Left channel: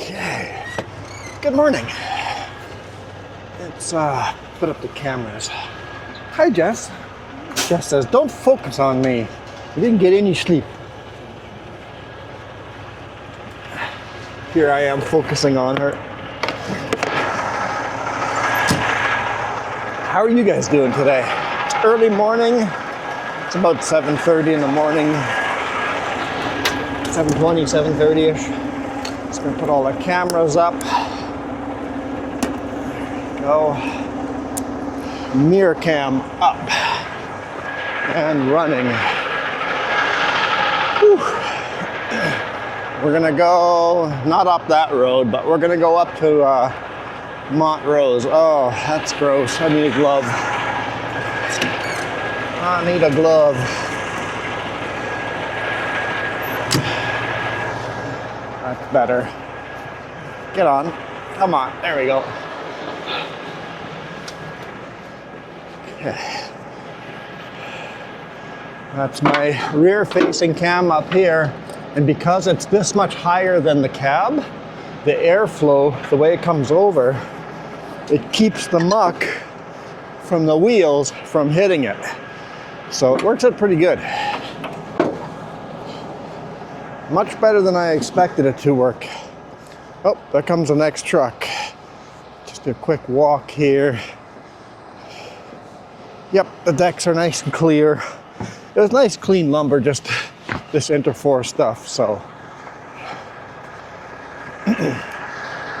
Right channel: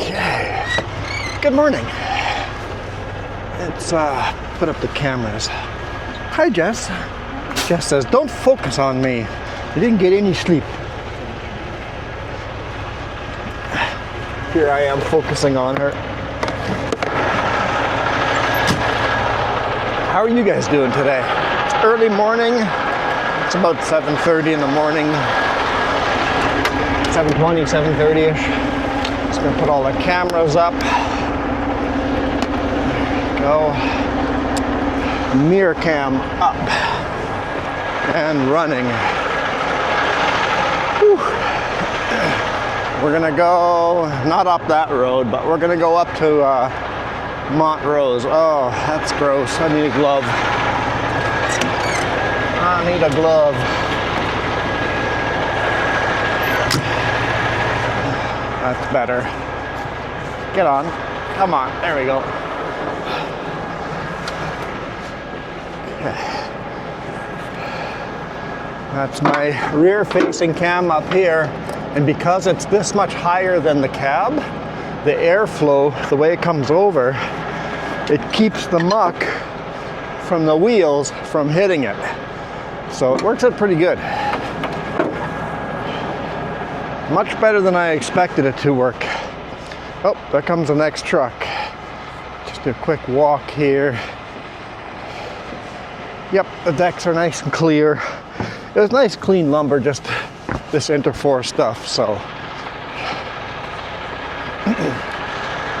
Okay. Good morning. Let's put up the cameras. Hi, Jess. Jess says, don't focus on me. You didn't get any sleep. Here I am focusing on her. How are you guys doing today? It's early morning. It's about 7:30 in the morning. 7:20, 7:30-ish. Just gonna put all the cameras up. There we go. Mirror cam up and running. Whew. We're gonna go, not up that road, but we're gonna go up to Montrose. Oh, that's gross. I need a glove. I need a glove. That's better. Get on. Come on. There we go. That's my rear-facing cam up here. And because it's this much higher than the cab, the airflow, the way it comes over, it keeps the muck from the wheels from hitting it. So it works out pretty good. Much better than I expected it to work. Oh, there comes the next truck. Just a quick walk here. Yep, the decks are nice and clear. It was nice clean lumber, just this Interforce stuff, so.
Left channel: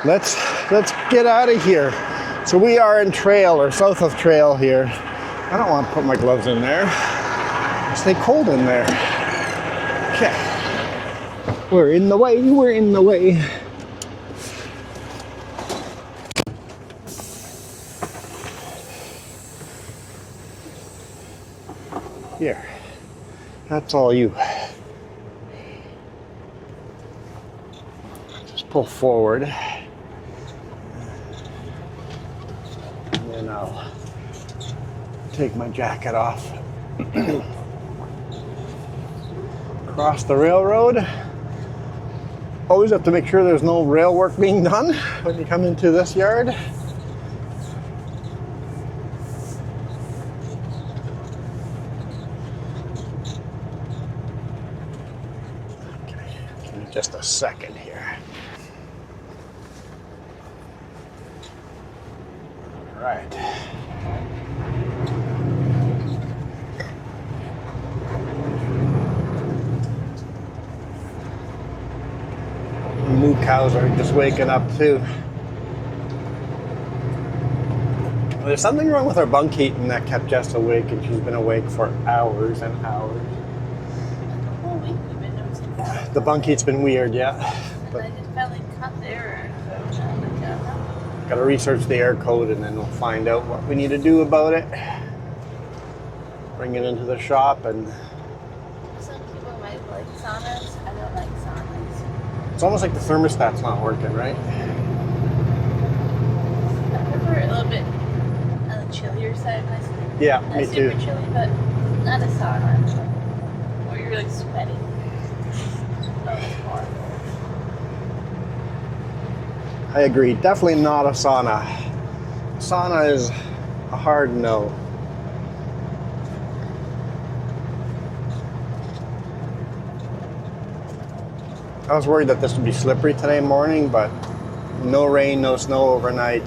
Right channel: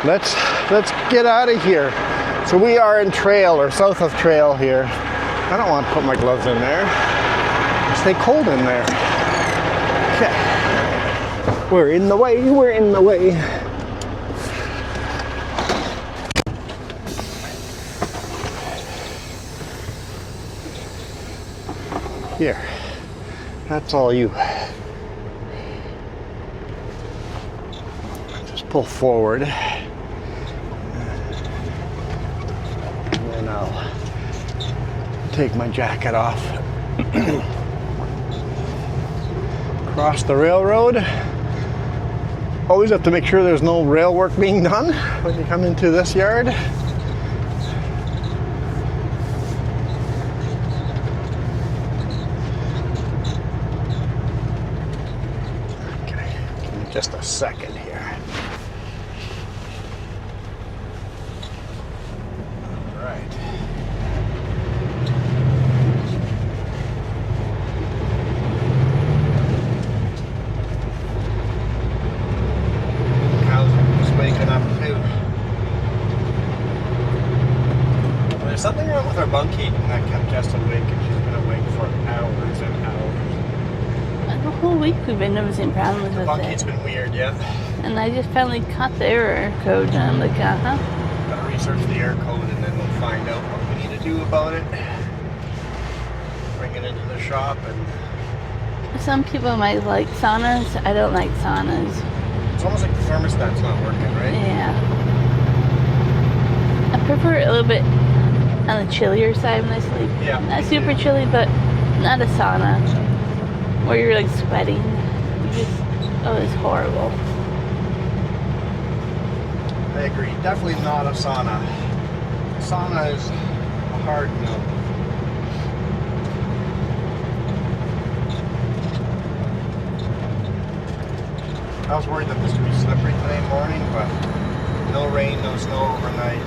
Let's get out of here. So we are in Trail, or south of Trail here. I don't want to put my gloves in there. Stay cold in there. Okay. We're in the way, we're in the way. Here, that's all you. Just pull forward. And then I'll take my jacket off. Cross the railroad. Always have to make sure there's no rail work being done when you come into this yard. Okay, give me just a second here. Right. New cows are just waking up too. There's something wrong with our bunk heating that kept Jess awake, and she's been awake for hours and hours. The whole week we've been noticing problems. The bunk heat's been weird, yeah. And I just finally caught the error code, and I'm like, Gotta research the error code, and then we'll find out what we need to do about it. Bring it into the shop, and Some people might like saunas. I don't like saunas. it's almost like the thermostat's not working, right? Yeah. I prefer it a little bit on the chillier side when I sleep. Yeah, Not super chilly, but not a sauna where you're like sweating. You just, oh, it's horrible. I agree. Definitely not a sauna. Sauna is a hard no. I was worried that this would be slippery today morning, but no rain, no snow overnight.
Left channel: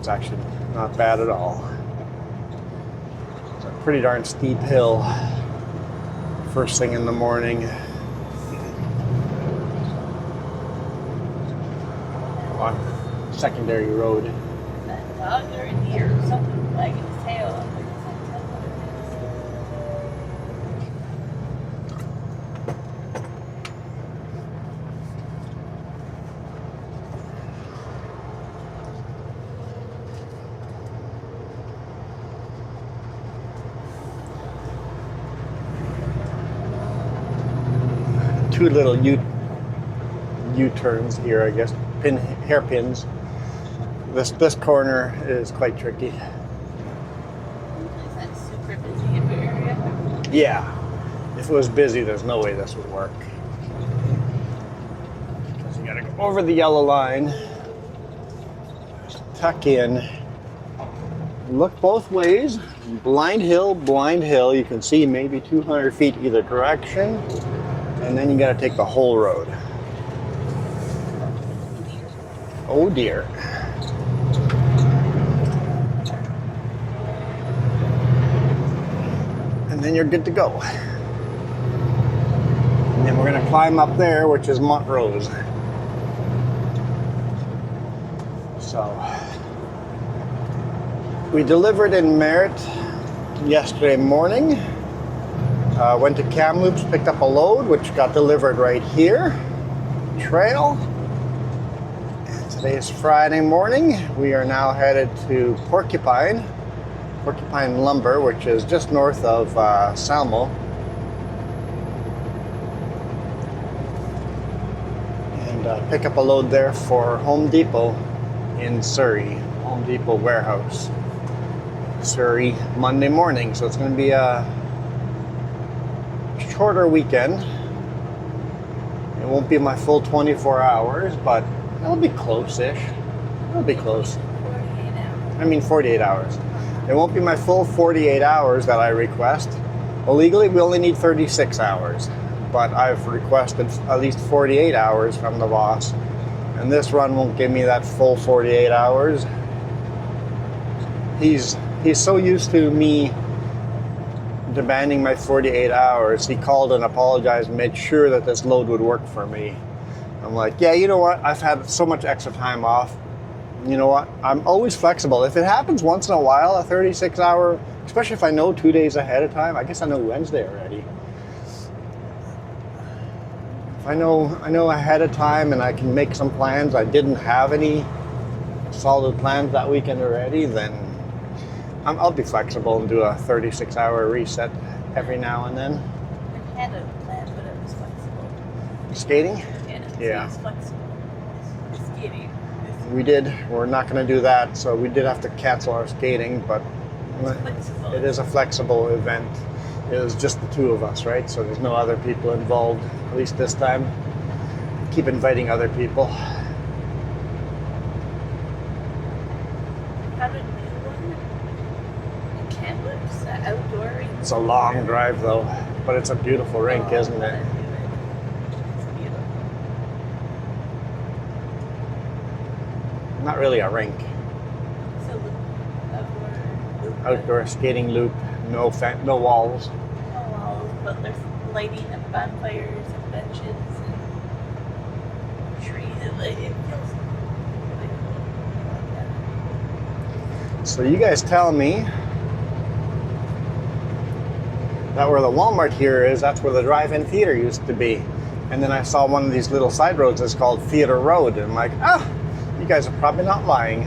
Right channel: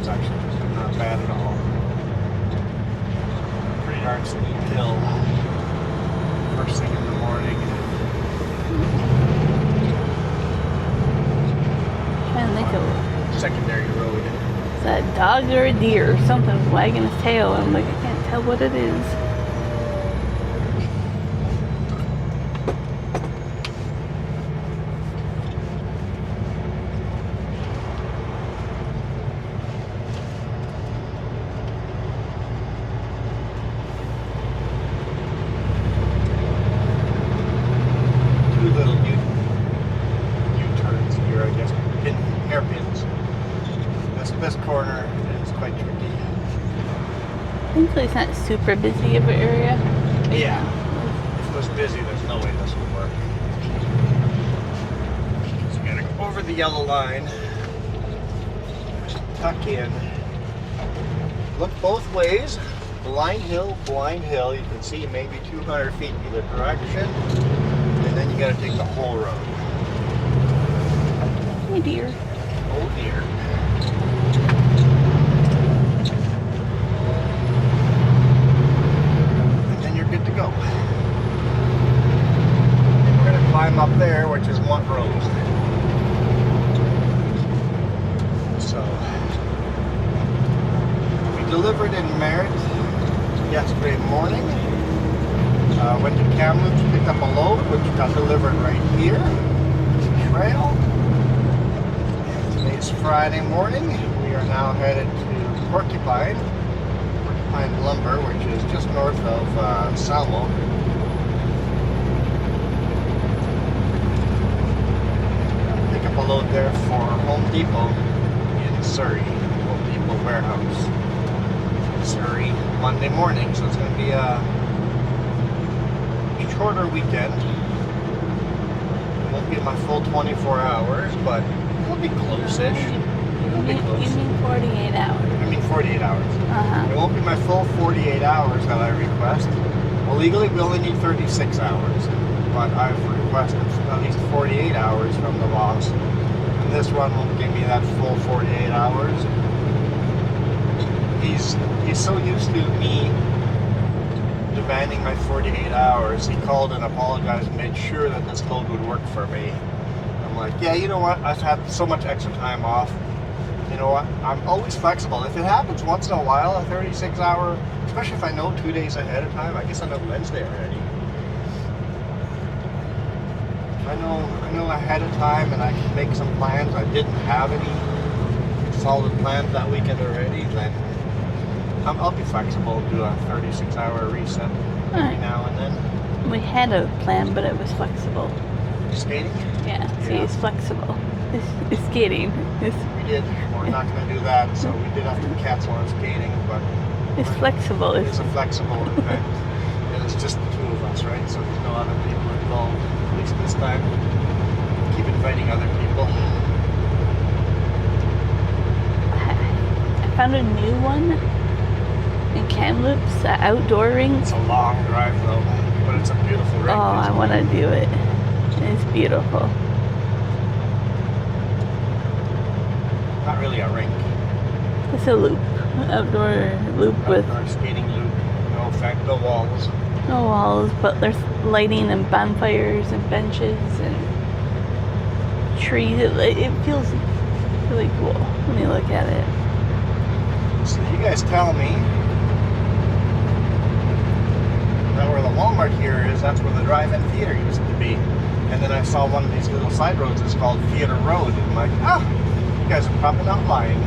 It's actually not bad at all. It's a pretty darn steep hill first thing in the morning. Trying to think of Secondary road. is that a dog or a deer or something wagging his tail. I'm like, I can't tell what it is. Two little U-turns here, I guess. Hairpins. This corner is quite tricky. Thankfully, it's not super busy of an area. Yeah. If it was busy, there's no way this would work. So you gotta over the yellow line, tuck in, look both ways, blind hill, you can see maybe 200 feet either direction, and then you gotta take the whole road. Oh dear. Oh dear. And then you're good to go. And we're gonna climb up there, which is Montrose. So, we delivered in Merritt yesterday morning. Went to Kamloops, picked up a load, which got delivered right here. Trail. Today is Friday morning. We are now headed to Porcupine Lumber, which is just north of Salmo. And pick up a load there for Home Depot in Surrey. Home Depot warehouse. Surrey, Monday morning. So it's going to be a shorter weekend. It won't be my full 24 hours, but it'll be close-ish. It'll be close. You mean 48 hours? I mean 48 hours. Uh-huh. It won't be my full 48 hours that I request. Well, legally, we only need 36 hours, but I've requested at least 48 hours from the boss. And this run won't give me that full 48 hours. He's so used to me demanding my 48 hours, he called and apologized and made sure that this load would work for me. I'm like, yeah, you know what? I've had so much extra time off. You know what? I'm always flexible. If it happens once in a while, a 36-hour, especially if I know 2 days ahead of time, I guess I know Wednesday already. I know ahead of time and I can make some plans. I didn't have any solid plans that weekend already, then I'll be flexible and do a 36-hour reset every now and then. We had a plan, but it was flexible. Skating? Yeah, Yeah. it's flexible. It's skating. We did. We're not going to do that, so we did have to cancel our skating, but It's flexible. it is a flexible event. It was just the two of us, right? So there's no other people involved, at least this time. Keep inviting other people. I found a new one in Kamloops, the outdoor rink. It's a long drive, though, but it's a beautiful rink, Oh, isn't I want to it? do it. It's beautiful. Not really a rink. It's a loop, outdoor loop Outdoor skating loop, no walls. with no walls, but there's lighting and bonfires and benches and trees. It feels really cool when you look at it. So you guys tell me that where the Walmart here is, that's where the drive-in theater used to be. And then I saw one of these little side roads that's called Theater Road. And I'm like, you guys are probably not lying.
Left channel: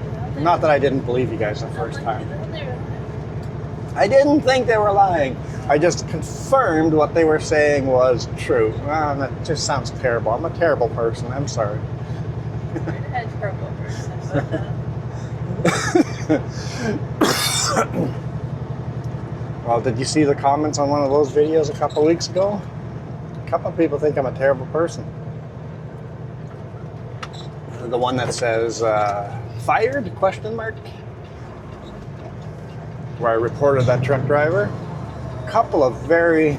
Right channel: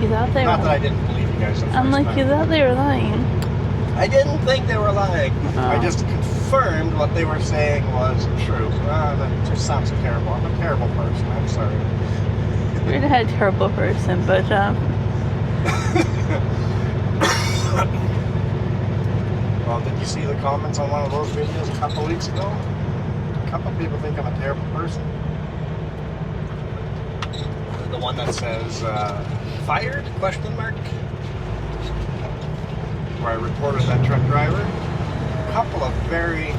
You thought they Not were, that I didn't believe you guys the first I'm like, time. you thought they were lying. I didn't think they were lying. Oh. I just confirmed what they were saying was true. That just sounds terrible. I'm a terrible person. I'm sorry. You're not a terrible person, but Well, did you see the comments on one of those videos a couple weeks ago? A couple of people think I'm a terrible person. The one that says, fired, question mark? Where I reported that truck driver. A couple of very,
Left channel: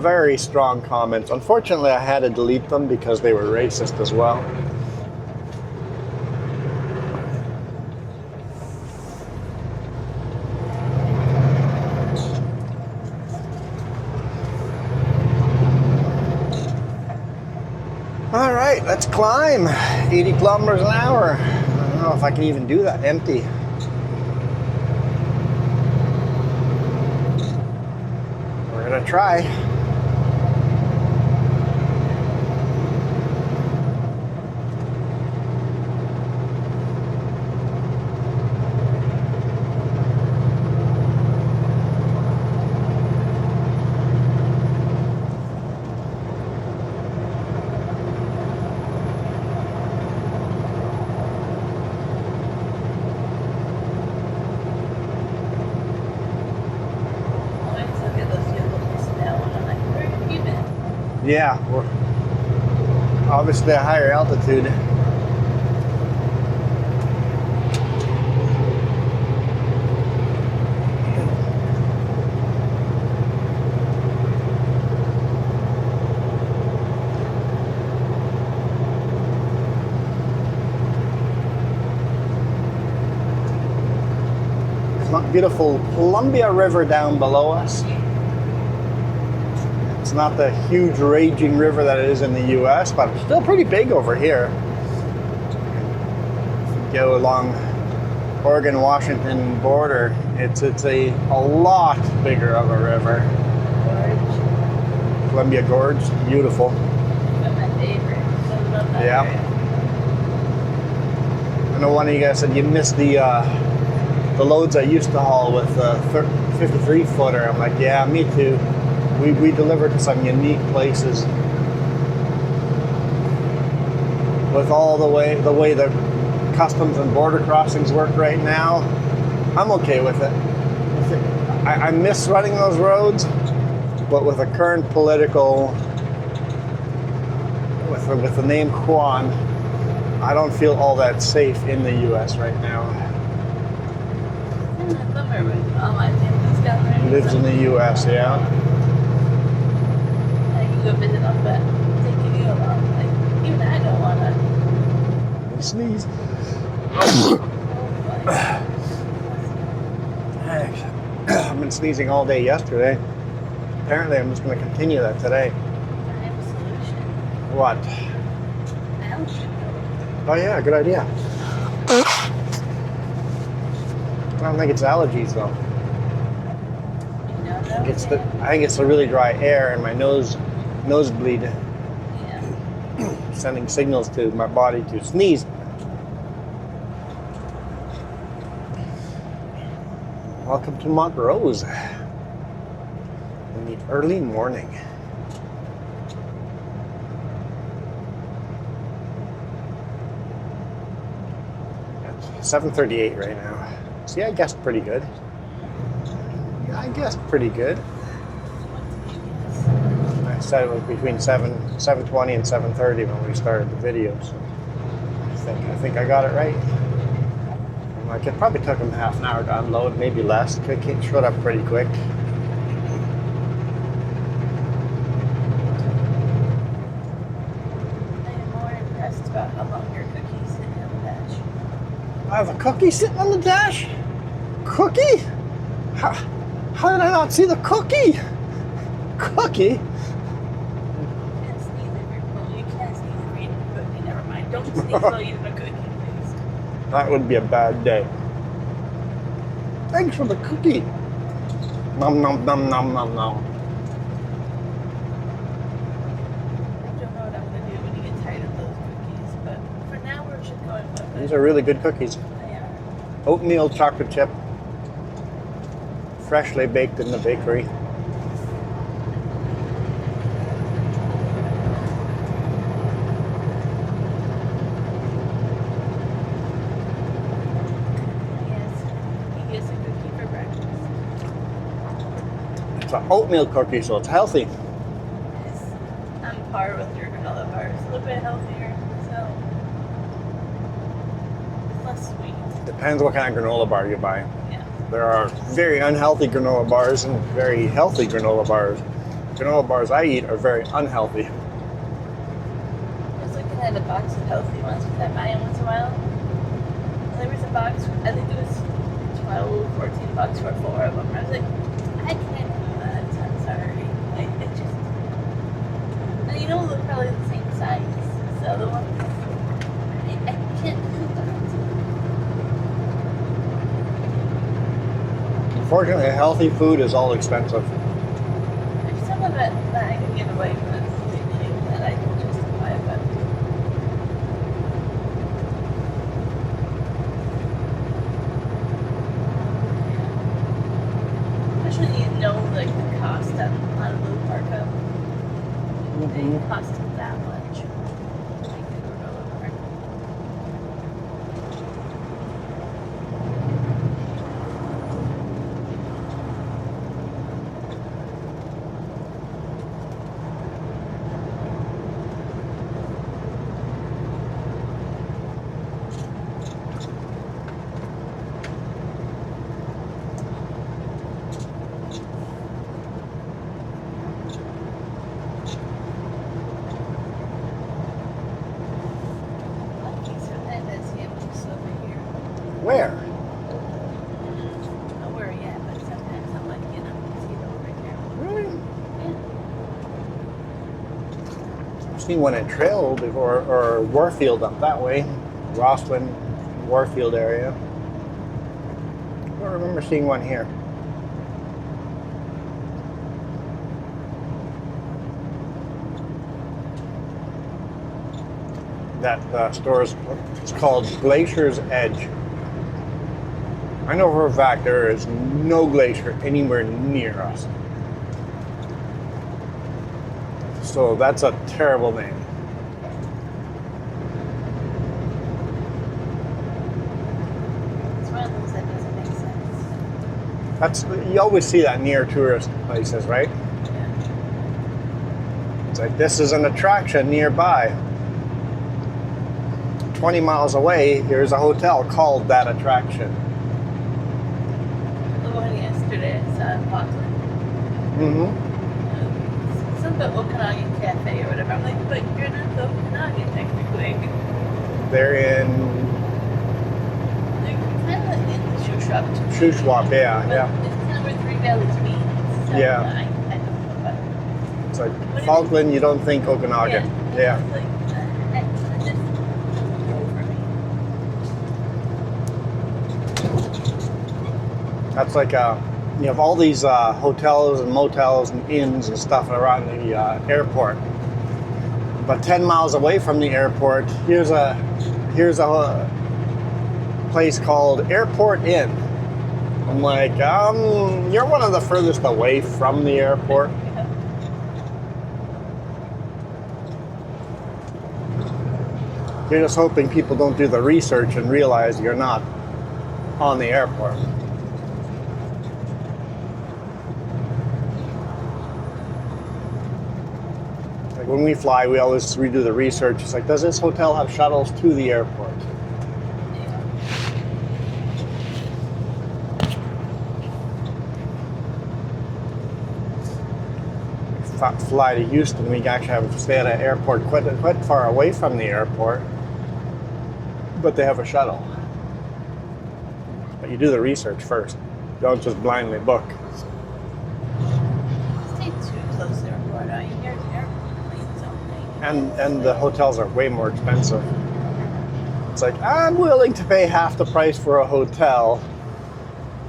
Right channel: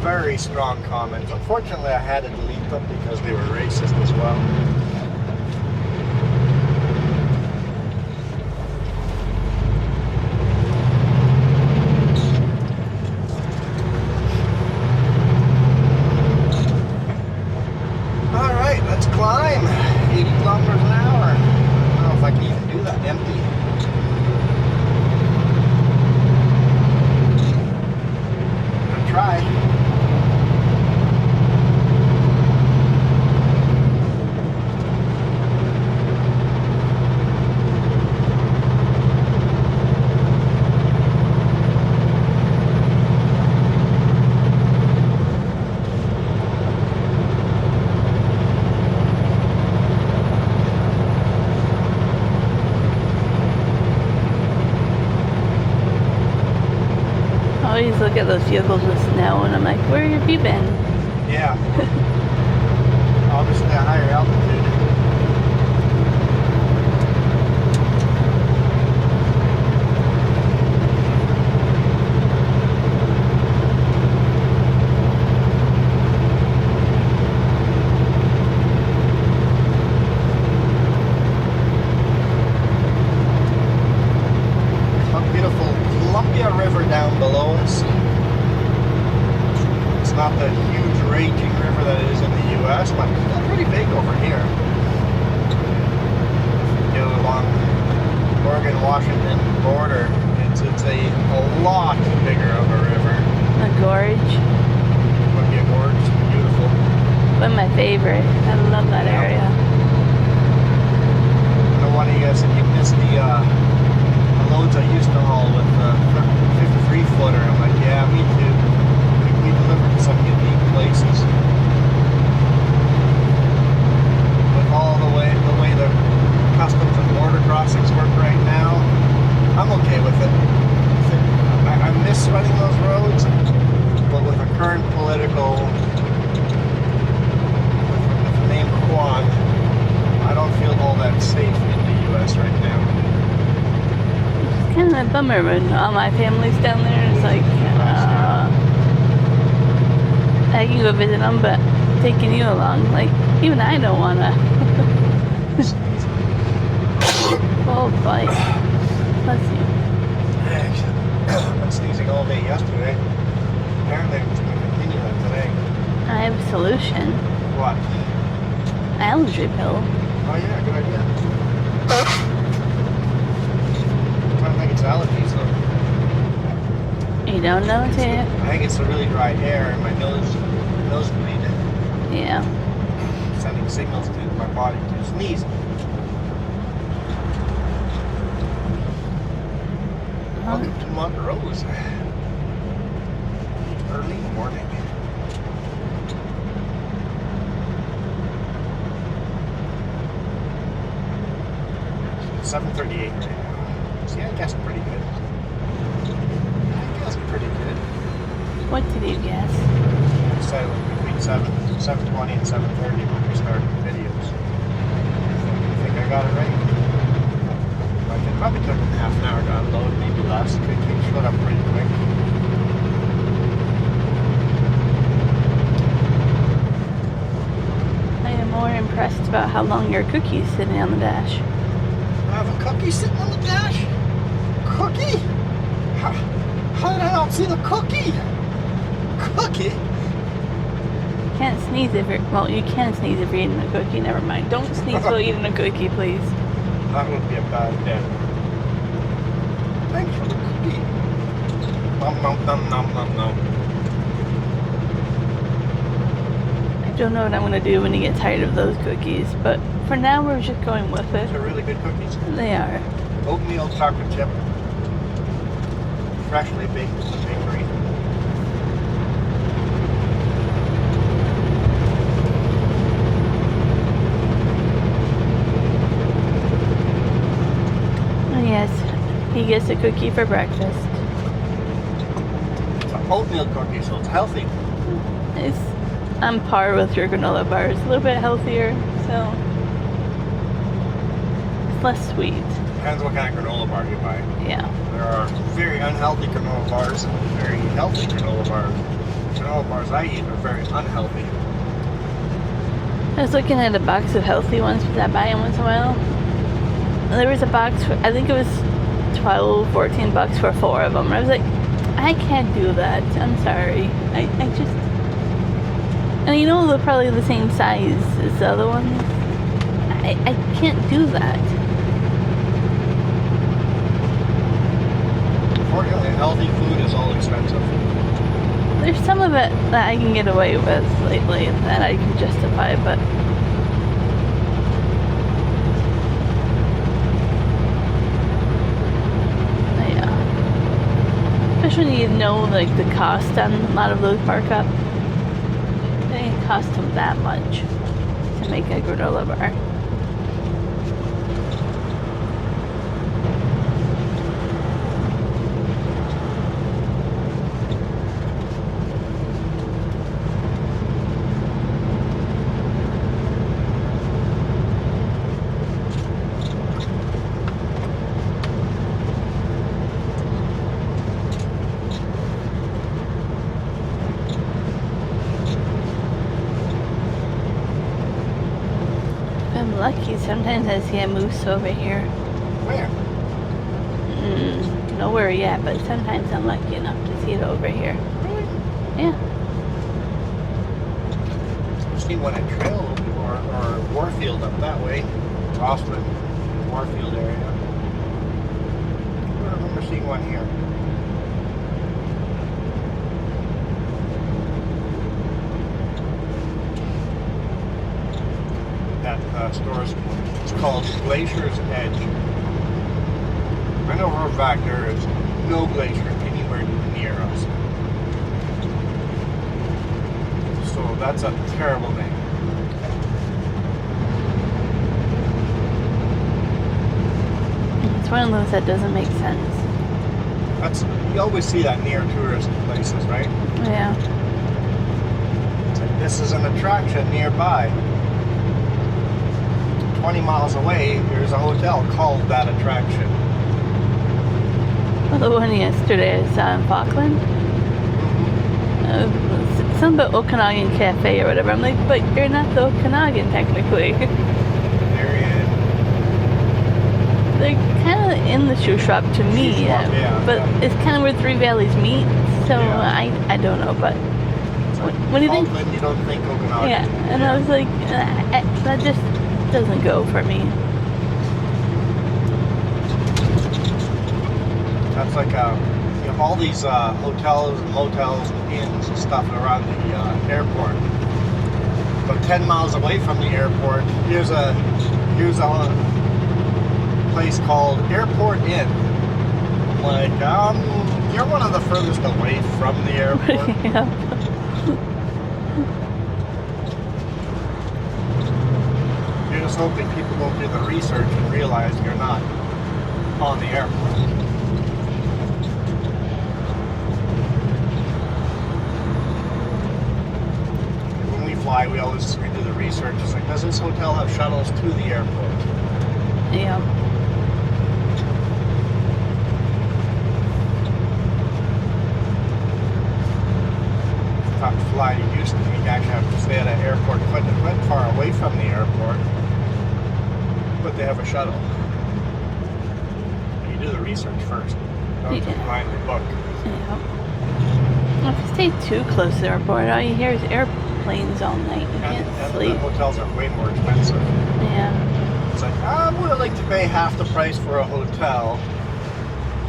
very strong comments. Unfortunately, I had to delete them because they were racist as well. All right, let's climb. 80 kilometers an hour. I don't know if I can even do that empty. We're gonna try. I always look at those vehicles with snow and I'm like, where have you been? Yeah, obviously a higher altitude. Beautiful Columbia River down below us. It's not the huge raging river that it is in the US, but still pretty big over here. You go along Oregon-Washington border, it's a lot bigger of a river. A gorge. Columbia Gorge, beautiful. One of my favorite. I love that Yep. area. I know one of you guys said you missed the loads I used to haul with the 53 footer. I'm like, yeah, me too. We delivered to some unique places. With all the way the customs and border crossings work right now, I'm okay with it. I miss running those roads, but with the current political, with the name Juan, I don't feel all that safe in the U.S. right now. Kind of a bummer when all my family's down there. It's like, in the U.S., yeah. I can go visit them, but taking you along, like, even I don't want to. Sneeze. Oh, boy. Bless you. I've been sneezing all day yesterday. Apparently, I'm just going to continue that today. I have a solution. What? Allergy pill. Oh, yeah, good idea. I don't think it's allergies, though. You don't know, I think it's the really dry air and my nosebleed. Yeah. Sending signals to my body to sneeze. Welcome to Montrose. In the early morning. 7:38 right now. See, I guessed pretty good. What did you guess? I said it was between 7:20 and 7:30 when we started the videos. I think I got it right. It probably took him half an hour to unload, maybe less. It showed up pretty quick. I am more impressed about how long your cookie's sitting on the dash. I have a cookie sitting on the dash? Cookie? How did I not see the cookie? Cookie? Can't sneeze if you're, well, you can sneeze if you're eating a cookie, never mind. Don't sneeze while eating a cookie, please. That would be a bad day. Thanks for the cookie. Nom nom nom nom nom nom. I don't know what I'm going to do when you get tired of those cookies, but for now we're just going with it. These are really good cookies. They are. Oatmeal chocolate chip. Freshly baked in the bakery. Oh, yes, he gets a cookie for breakfast. It's an oatmeal cookie, so it's healthy. It's on par with your granola bars. A little bit healthier, so it's less sweet. Depends what kind of granola bar you buy. Yeah. There are very unhealthy granola bars and very healthy granola bars. Granola bars I eat are very unhealthy. I was looking at a box of healthy ones that I buy in once in a while. And there was a box, I think it was 12, 14 bucks for 4 of them. I was like, I can't do that. I'm sorry. I just... And you know they're probably the same size as the other ones. I can't do that. Unfortunately, healthy food is all expensive. There's some of it that I can get away with lately that I can justify, but yeah. Especially when you know like the cost on a lot of those markup. It didn't cost them that much to make a granola bar. lucky. Sometimes I see a moose over here. Where? Nowhere yet, but sometimes I'm lucky enough to see it over here. Really? Yeah. I've seen one at Trail before, or Warfield up that way. Roslyn, Warfield area. I don't remember seeing one here. That store is called Glacier's Edge. I know for a fact there is no glacier anywhere near us. So that's a terrible name. It's one of those that doesn't make sense. You always see that near tourist places, right? Yeah. It's like, this is an attraction nearby. 20 miles away, here's a hotel called that attraction. Well, the one yesterday is Falkland. Something about Okanagan Cafe or whatever. I'm like, but you're not the Okanagan technically. They're kind of in the shoe shop to me. Shoe swap, yeah. But it's kind of where Three Valleys meet. So Yeah. I don't know, but It's like when you Falkland, you don't think Okanagan. yeah, and I was like, that just doesn't go for me. That's like you have all these hotels and motels and inns and stuff around the airport. About 10 miles away from the airport, here's a place called Airport Inn. I'm like, you're one of the furthest away from the airport. Yeah. You're just hoping people don't do the research and realize you're not on the airport. Like when we fly, we do the research. It's like, does this hotel have shuttles to the airport? Yeah. Fly to Houston, we actually have to stay at an airport quite far away from the airport, but they have a shuttle. But you do the research first. Don't just blindly book. Yeah. Well, if you stay too close to the airport, all you hear is airplanes all night. You And can't the sleep. hotels are way more expensive. Yeah. It's like, I'm willing to pay half the price for a hotel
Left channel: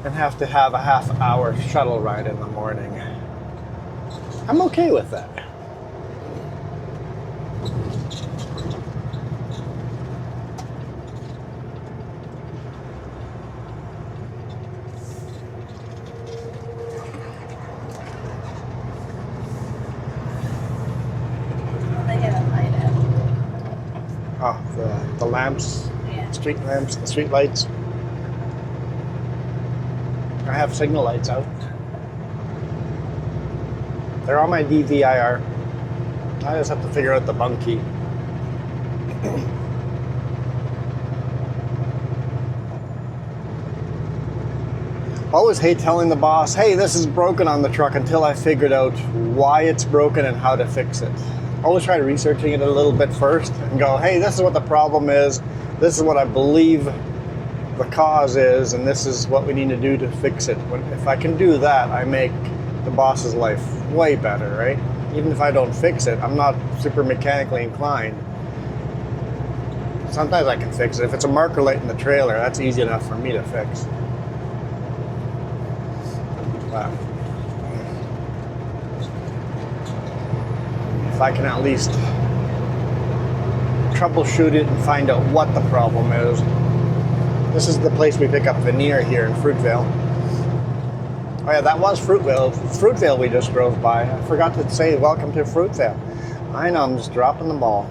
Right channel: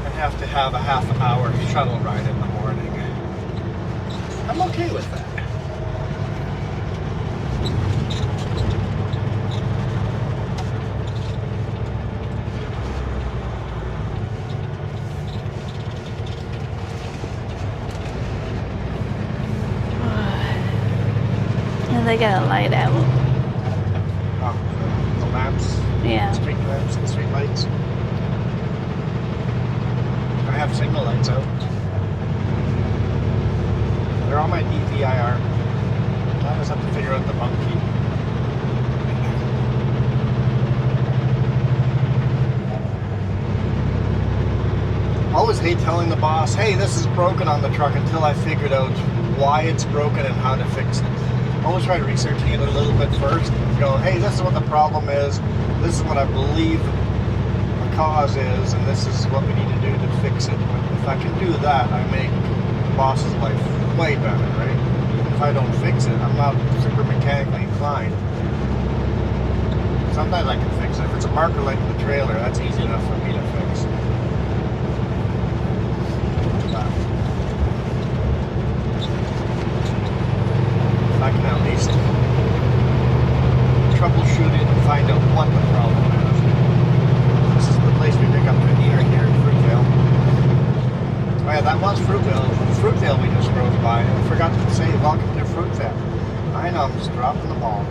and have to have a half-hour shuttle ride in the morning. I'm okay with that. And they got a light out. Oh, the lamps, Yeah. street lamps, the street lights. I have signal lights out. They're on my DVIR. I just have to figure out the bunk key. Always hate telling the boss, hey, this is broken on the truck, until I figured out why it's broken and how to fix it. Always try researching it a little bit first and go, hey, this is what the problem is. This is what I believe the cause is, and this is what we need to do to fix it. But if I can do that, I make the boss's life way better, right? Even if I don't fix it, I'm not super mechanically inclined. Sometimes I can fix it. If it's a marker light in the trailer, that's easy enough for me to fix. If I can at least troubleshoot it and find out what the problem is. This is the place we pick up veneer here in Fruitvale. Oh yeah, that was Fruitvale. Fruitvale we just drove by. I forgot to say welcome to Fruitvale. I know, I'm just dropping the ball.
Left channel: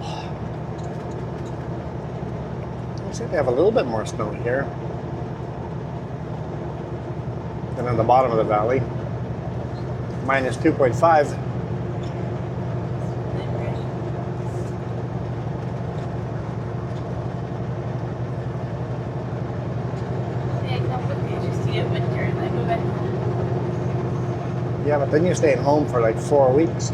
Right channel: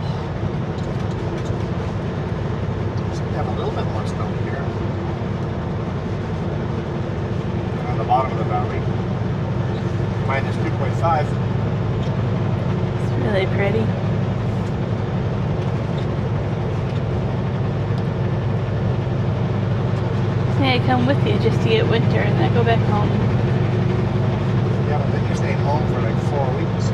Looks like they have a little bit more snow here. And on the bottom of the valley, minus 2.5. It's really pretty. Yeah, I come with you just to get winter and then go back home. Yeah, but then you stay at home for like 4 weeks.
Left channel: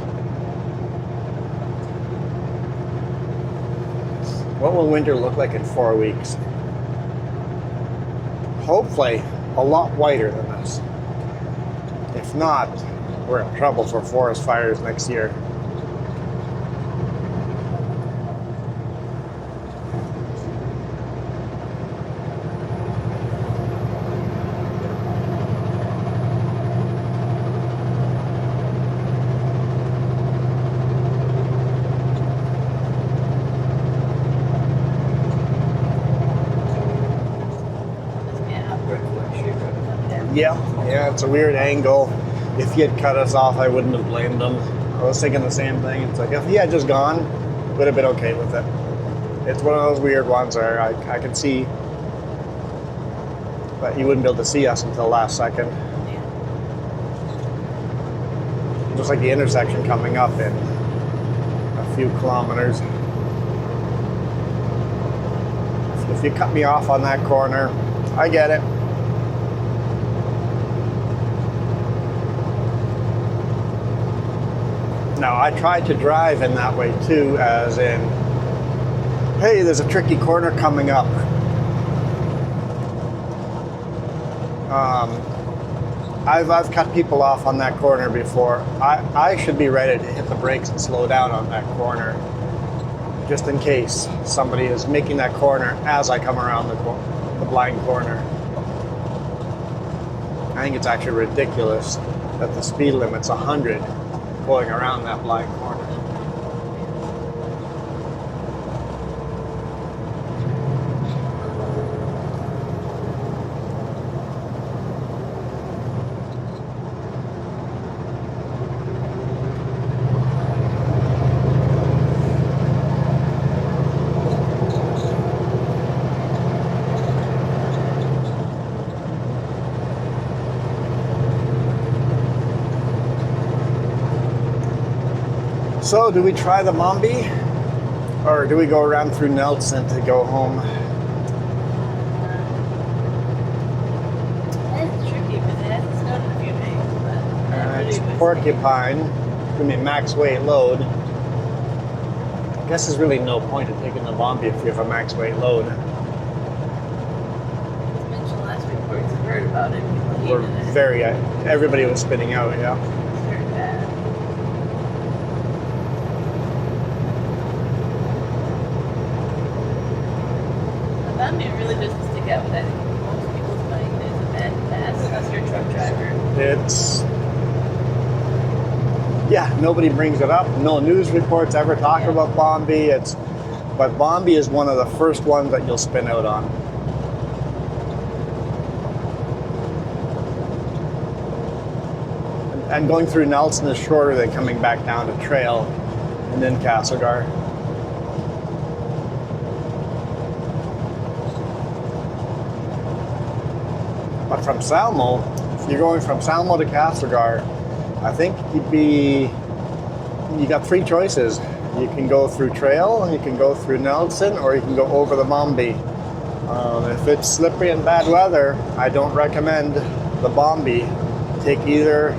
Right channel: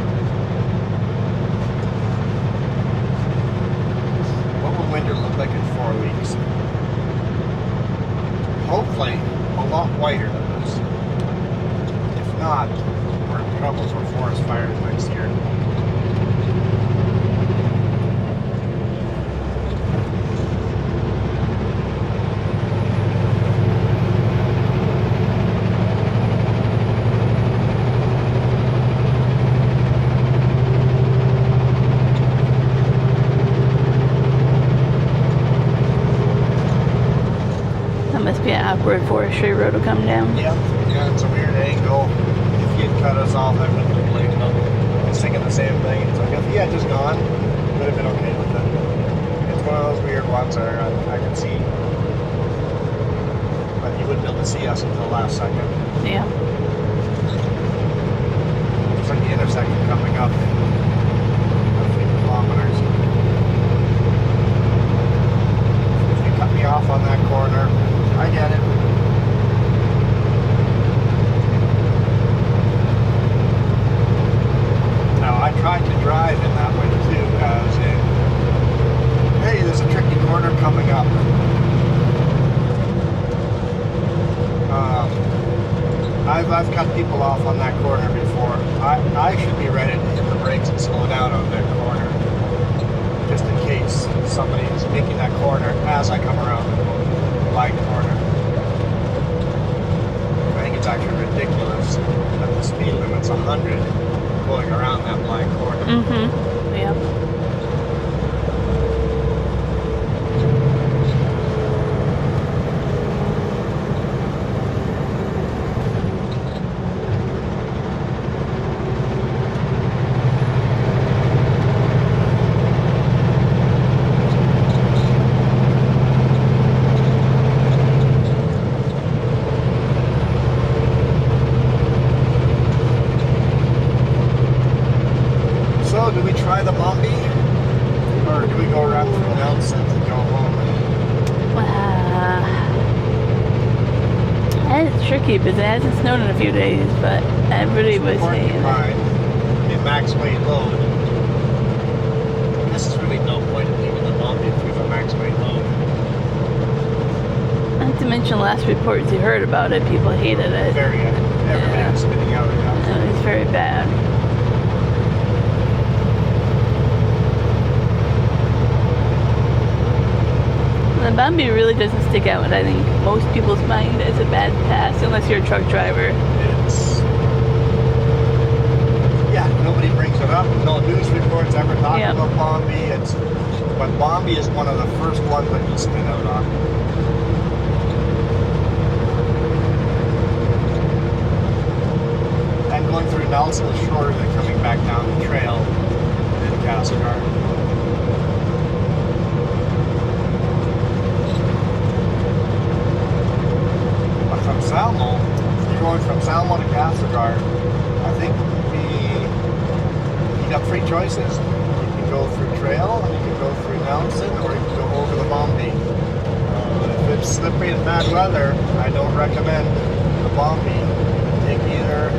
What will winter look like in 4 weeks? Hopefully, a lot whiter than this. If not, we're in trouble for forest fires next year. Must be an awkward forestry road to come down. Yep. Yeah, it's a weird angle. If he had cut us off, I wouldn't have blamed him. I was thinking the same thing. It's like, if he had just gone, would have been okay with it. It's one of those weird ones where I could see, but you wouldn't be able to see us until last second. Yeah. Just like the intersection coming up in a few kilometers. If you cut me off on that corner, I get it. Now, I tried to drive in that way too, as in, hey, there's a tricky corner coming up. I've cut people off on that corner before. I should be ready to hit the brakes and slow down on that corner, just in case somebody is making that corner as I come around the blind corner. I think it's actually ridiculous that the speed limit's 100 going around that blind corner. Mm-hmm. Yeah. So, do we try the Mombi? Or do we go around through Nelson to go home? And it's tricky because it hasn't snowed in a few days, but everybody was Porcupine. I mean, max weight load. I guess there's really no point in taking the Mombi if we have a max weight load. Not to mention last reports you heard about it, people hated it. Everybody was spinning out, yeah. It was very bad. The Bambi really doesn't stick out in, I think, most people's mind as a bad pass, unless you're a truck driver. Nobody brings it up. No news reports ever talk about Bambi. But Bambi is one of the first ones that you'll spin out on. And going through Nelson is shorter than coming back down the trail and then Castlegar. But from Salmo, if you're going from Salmo to Castlegar, I think you got three choices. You can go through trail, and you can go through Nelson, or you can go over the Mombi. If it's slippery and bad weather, I don't recommend the Mombi. Take either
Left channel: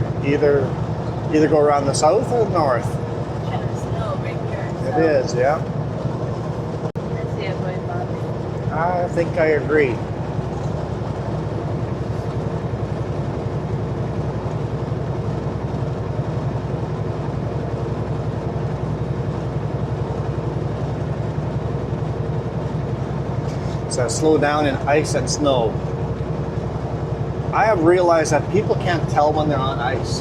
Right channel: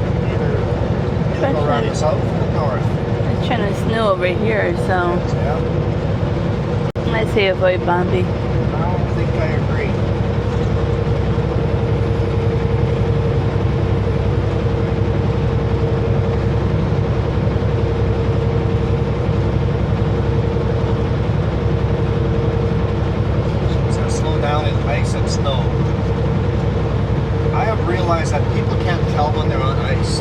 go around the south or the north. It's trying to snow over here, so It is, yeah. I'd say avoid Bambi. I think I agree. Slow down in ice and snow. I have realized that people can't tell when they're on ice.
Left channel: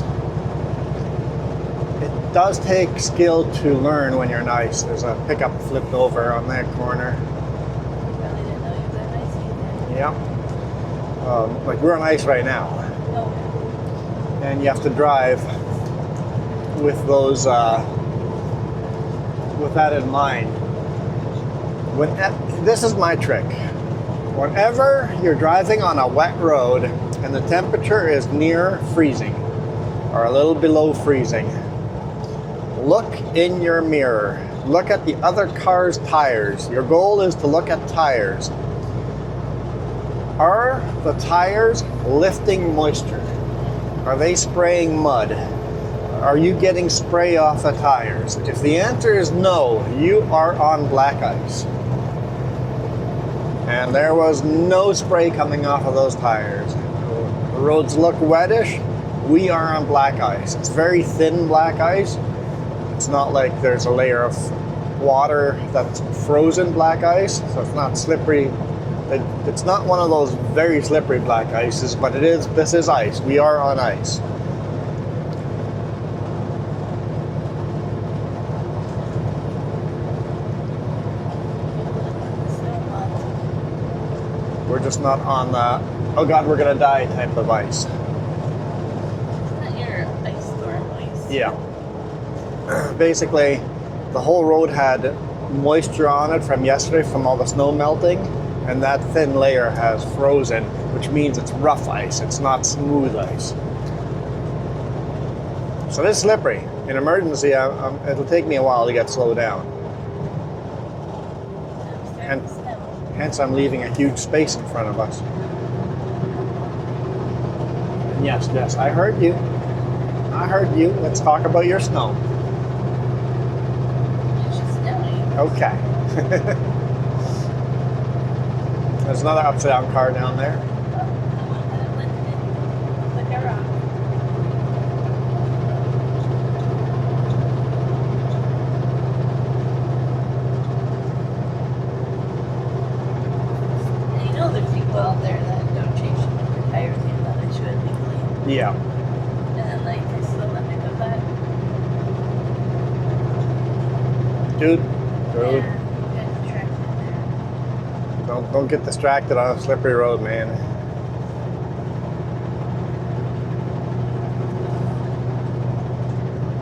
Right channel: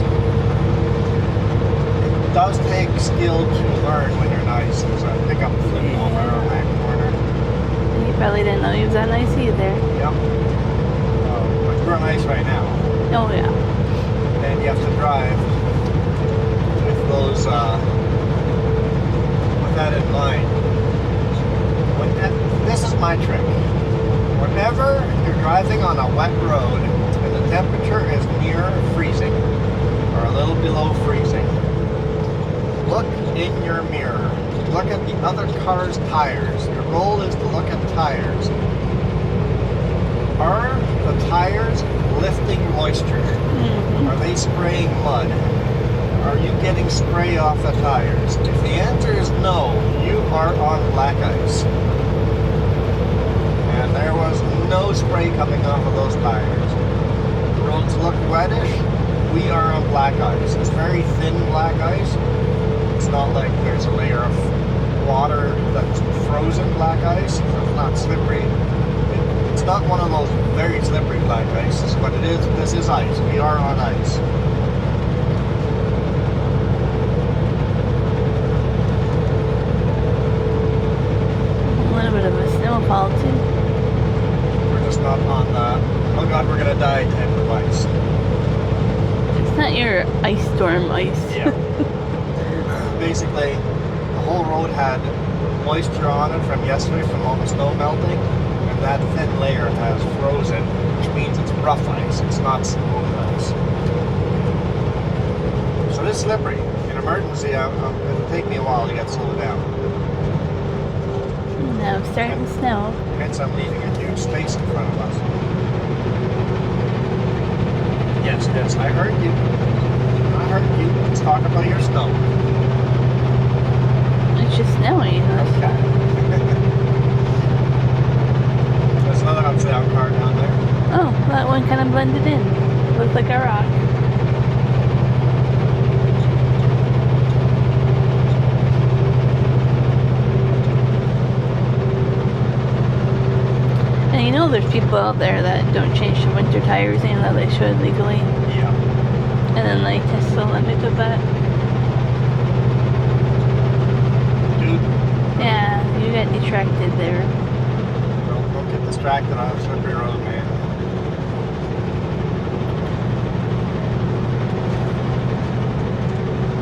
It does take skill to learn when you're on ice. There's a pickup flipped over on that corner. You probably didn't know he was on ice either. Yeah. Like we're on ice right now. Oh yeah. And you have to drive with those, with that in mind. This is my trick. Whenever you're driving on a wet road and the temperature is near freezing or a little below freezing, look in your mirror. Look at the other car's tires. Your goal is to look at tires. Are the tires lifting moisture? Mm-hmm. Are they spraying mud? Are you getting spray off the tires? If the answer is no, you are on black ice. And there was no spray coming off of those tires. The roads look wettish. We are on black ice. It's very thin black ice. It's not like there's a layer of water that's frozen black ice, so it's not slippery. It's not one of those very slippery black ices, but it is. This is ice. We are on ice. A little bit of a snowfall too. We're just not on the, oh God, we're gonna die type of ice. It's not your ice storm ice. Yeah. Basically, the whole road had moisture on it from yesterday from all the snow melting, and that thin layer has frozen, which means it's rough ice. It's not smooth ice. So it's slippery. In emergency, it'll take me a while to get slowed down. Now it's starting to snow. Hence, I'm leaving a huge space in front of us. Yes, yes, I heard you. I heard you. Let's talk about your snow. It's just snowing. Okay. There's another upside down car down there. Oh, that one kind of blended in. Looks like a rock. And you know there's people out there that don't change the winter tires even though they should legally. Yeah. And then they test the limit of that. Dude. Yeah, you got detracted there. Don't get distracted on a slippery road, man.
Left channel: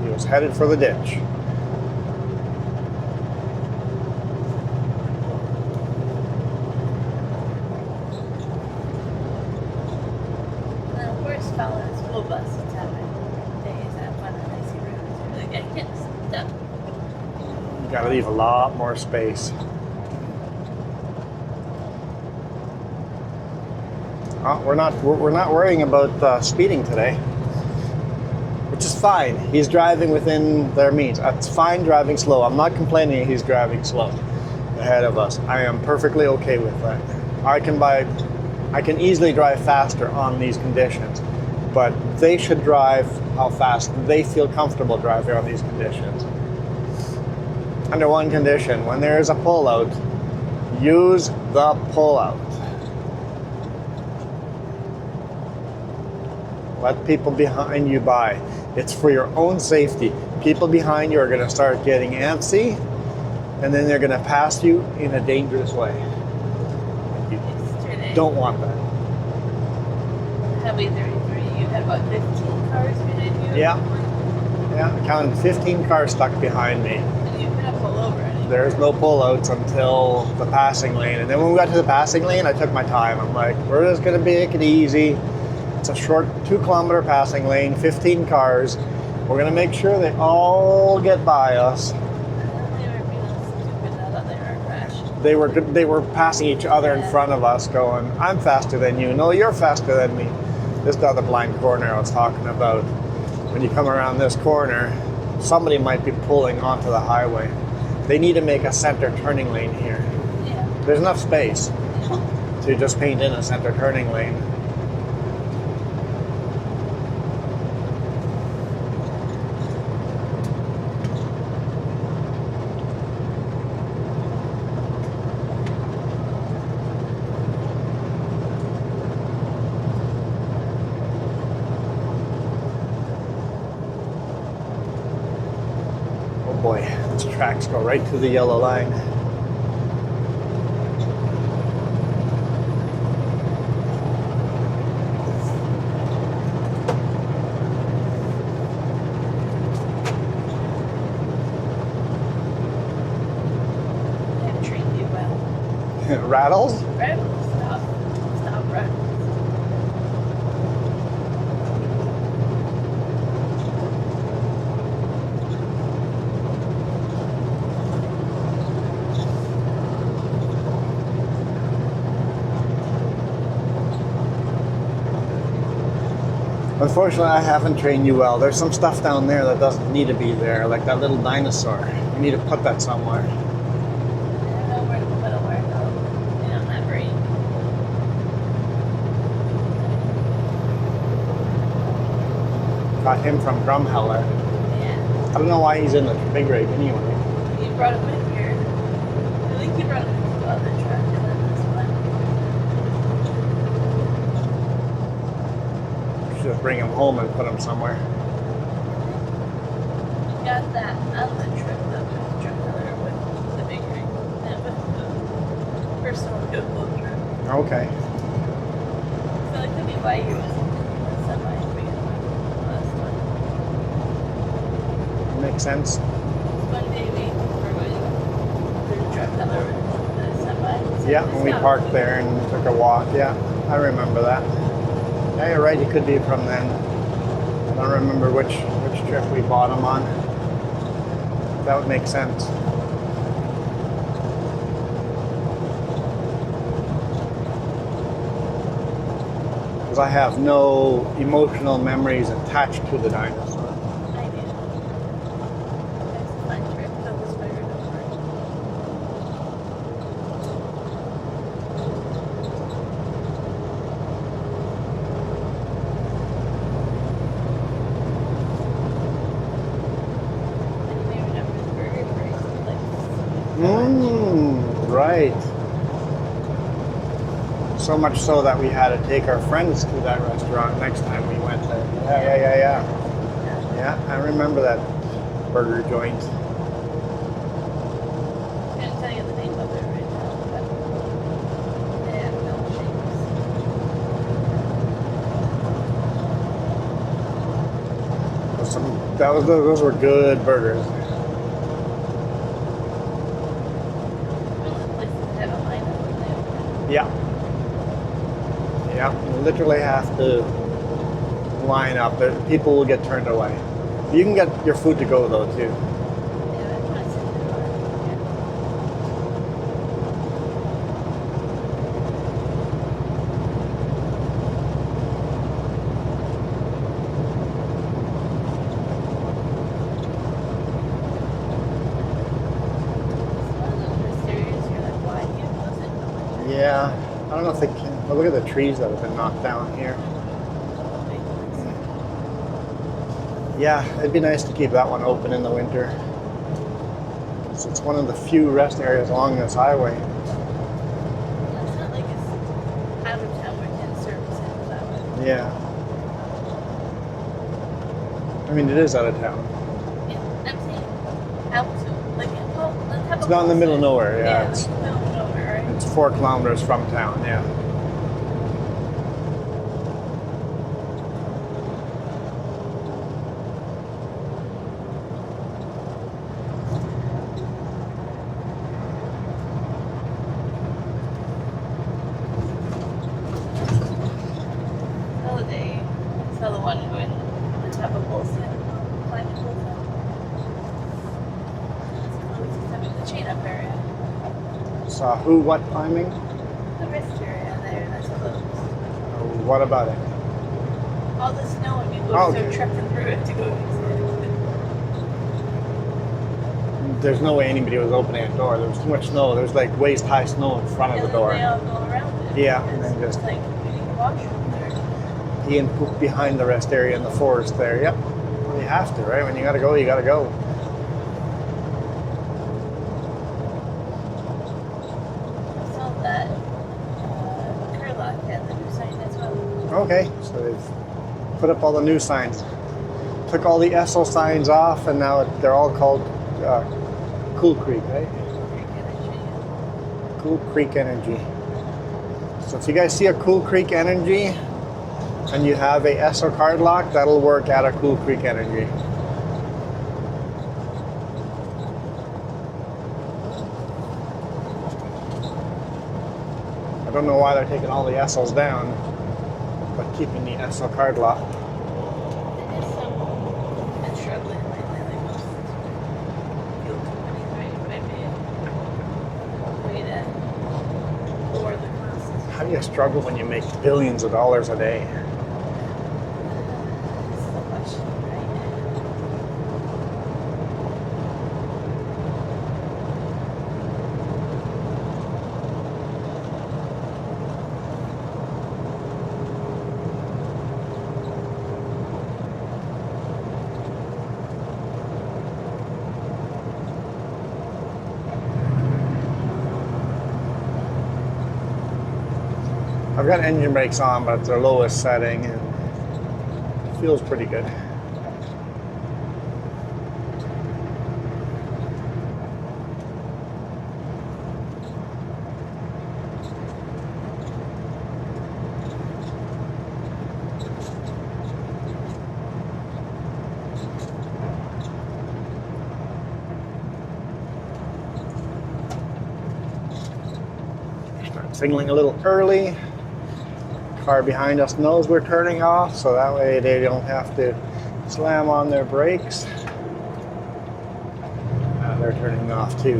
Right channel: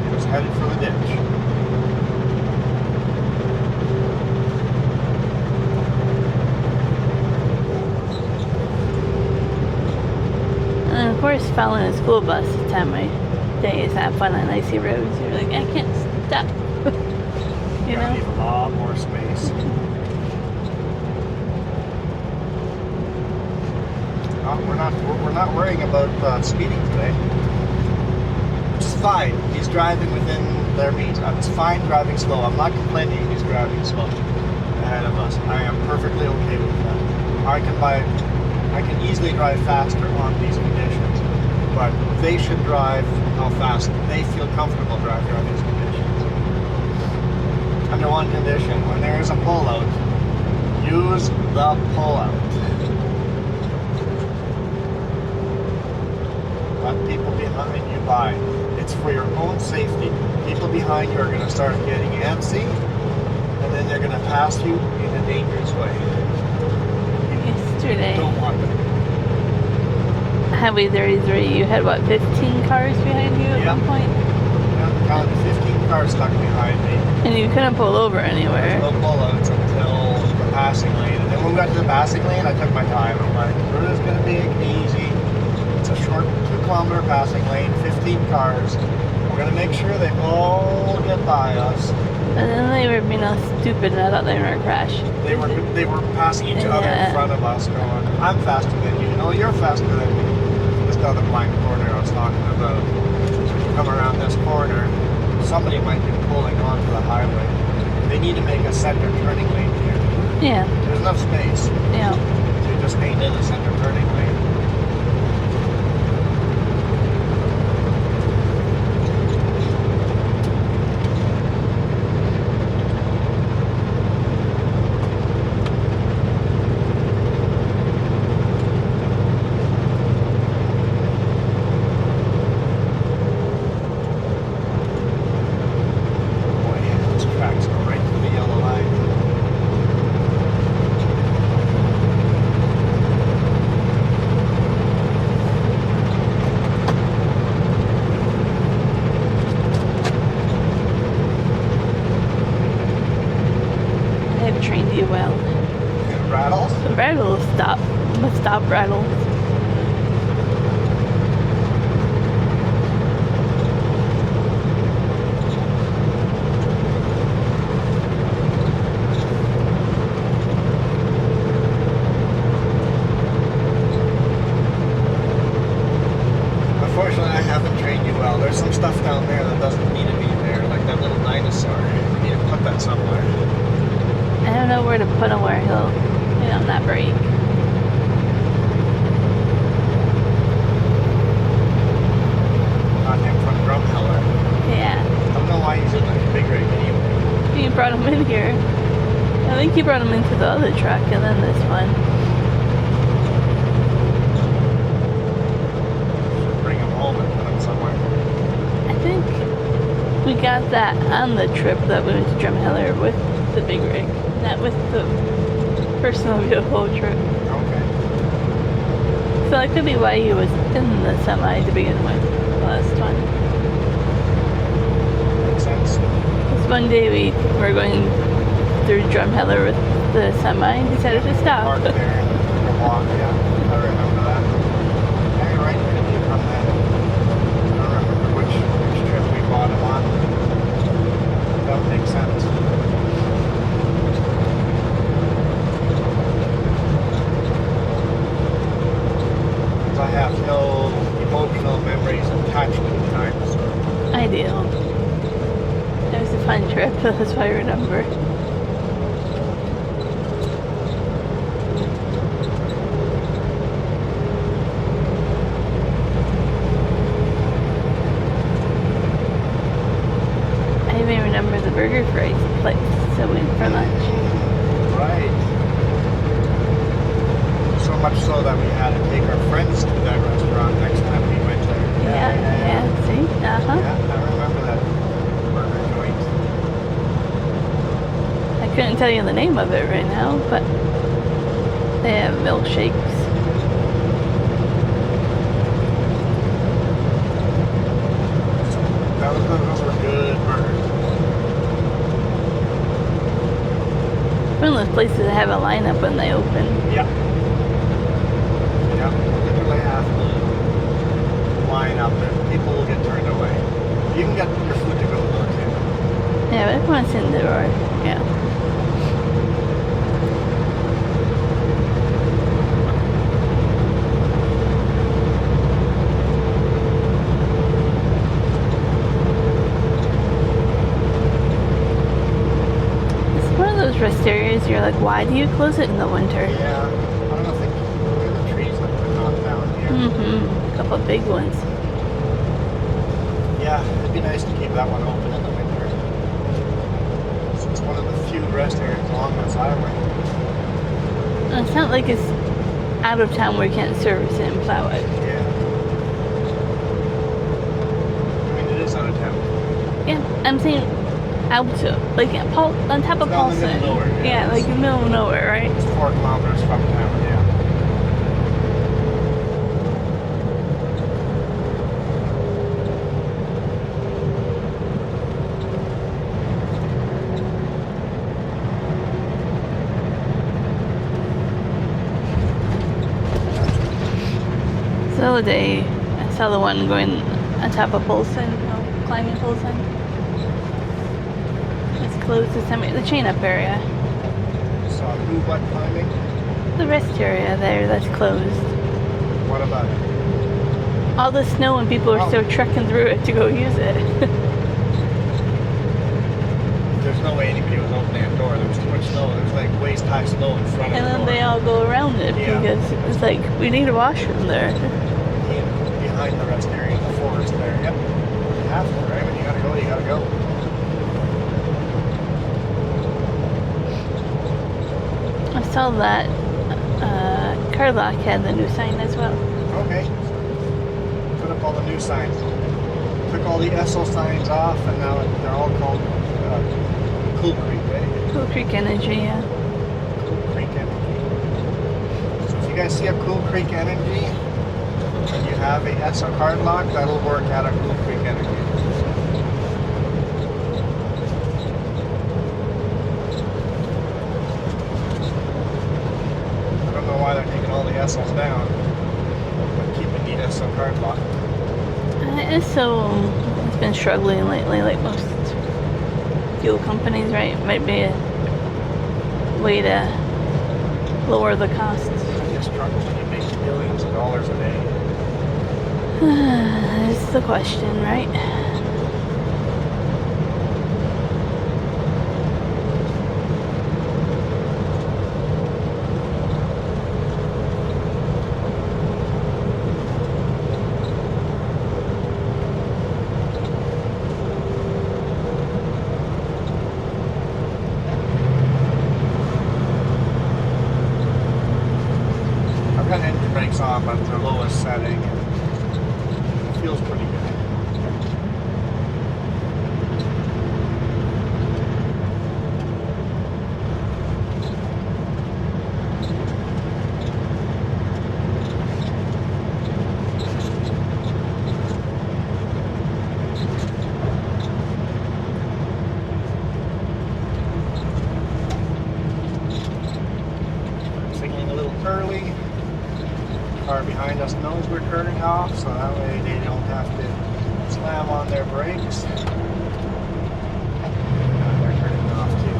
He was headed for the ditch. And of course, following a school bus this time of day is have fun on icy roads. You're like, I can't stop. You Gotta know? leave a lot more space. We're not worrying about speeding today, which is fine. He's driving within their means. It's fine driving slow. I'm not complaining he's driving slow ahead of us. I am perfectly okay with that. I can easily drive faster on these conditions, but they should drive how fast they feel comfortable driving on these conditions. Under one condition, when there is a pullout, use the pullout. Let people behind you by. It's for your own safety. People behind you are going to start getting antsy, and then they're going to pass you in a dangerous way. Yesterday, Don't want that. Highway 33, you had what, 15 cars behind you at Yeah. one point? Yeah, counted 15 cars stuck behind me. And you couldn't pull over anywhere. There's no pullouts until the passing lane. And then when we got to the passing lane, I took my time. I'm like, we're just going to make it easy. It's a short 2-kilometer passing lane, 15 cars. We're going to make sure they all get by us. And then they were being all stupid and I thought they were going to crash. They were passing each other in front of us going, I'm faster than you. No, you're faster than me. Just down the blind corner I was talking about. When you come around this corner, somebody might be pulling onto the highway. They need to make a center turning lane here. Yeah. There's enough space Yeah. to just paint in a center turning lane. Tracks go right through the yellow line. They've trained you well. Rattles? The rattles stop. Stop rattles. Unfortunately, I haven't trained you well. There's some stuff down there that doesn't need to be there, like that little dinosaur. I need to put that somewhere. I don't know where to put him where he'll tightly on that brake. Got him from Drumheller. Yeah. I don't know why he's in the big rig anyway. He brought him in here. I think he brought him into the other truck and then this one. Should bring him home and put him somewhere. I think we got that on the trip that we went to Drumheller with the big rig, not with the personal vehicle trip. Okay. So that could be why he was in the semi to begin with, the last one. Makes sense. This one day we were going through Drumheller with the semi and decided to We stop. parked there and took a walk. Yeah, I remember that. Yeah, you're right. It could be from then. I don't remember which trip we bought him on. That would make sense. Because I have no emotional memories attached to the dinosaur. I do. It was a fun trip, that's why I remember. I even remember the burger fries place that we went for lunch. Right. So much so that we had to take our friends to that restaurant next time we went there. Yeah. See? Uh-huh. Yeah, I remember that burger joint. I couldn't tell you the name of it right now, but they have milkshakes. Those were good burgers. One of those places that have a lineup when they open. Yeah. Yeah, you literally have to line up. People will get turned away. You can get your food to go though too. Yeah, but everyone's in the door. Yeah. It's one of those rest areas you're like, why do you close it in the winter? Yeah. I don't know if they. Oh, look at the trees that have been knocked down here. Mm-hmm. A couple of big ones. Yeah, it'd be nice to keep that one open in the winter. So it's one of the few rest areas along this highway. And it's not like it's out of town where you can't service it and plow it. Yeah. I mean, it is out of town. Yeah, I'm saying out of, like on top of It's not in the middle of Paulson. nowhere. Yeah, it's, like in the middle of nowhere, right? it's 4 kilometers from town. Yeah. The other day, I saw the one going on top of Polson, climbing Polson. It's closed this time. The chain up area. Saw who, what climbing? The rest area there, that's closed. What about it? All the snow and people are Oh. still trekking through it to go use it. There's no way anybody was opening a door. There was too much snow. There was like waist high snow in front And of the then door. they all go around it Yeah. because it's like, we need a washroom there. He and Coop behind the rest area in the forest there. Yep. You have to, right? When you gotta go, you gotta go. I saw that Carlock had the new sign as well. Okay. So they've put up all the new signs. Took all the Essel signs off, and now they're all called Cool Creek. Hey? Cool Creek Energy, yeah. Cool Creek Energy. So if you guys see a Cool Creek Energy and you have a Essel card lock, that'll work at a Cool Creek Energy. I don't know why they're taking all the Essels down, but keeping the Essel card lock. It's been struggling lately, like most fuel companies, right? Might be a way to lower the costs. How do you struggle when you make billions of dollars a day? That's the question, right? got engine brakes on, but it's their lowest setting. And it feels pretty good. Signaling a little early. Car behind us knows we're turning off, so that way they don't have to slam on their brakes. They're turning off too.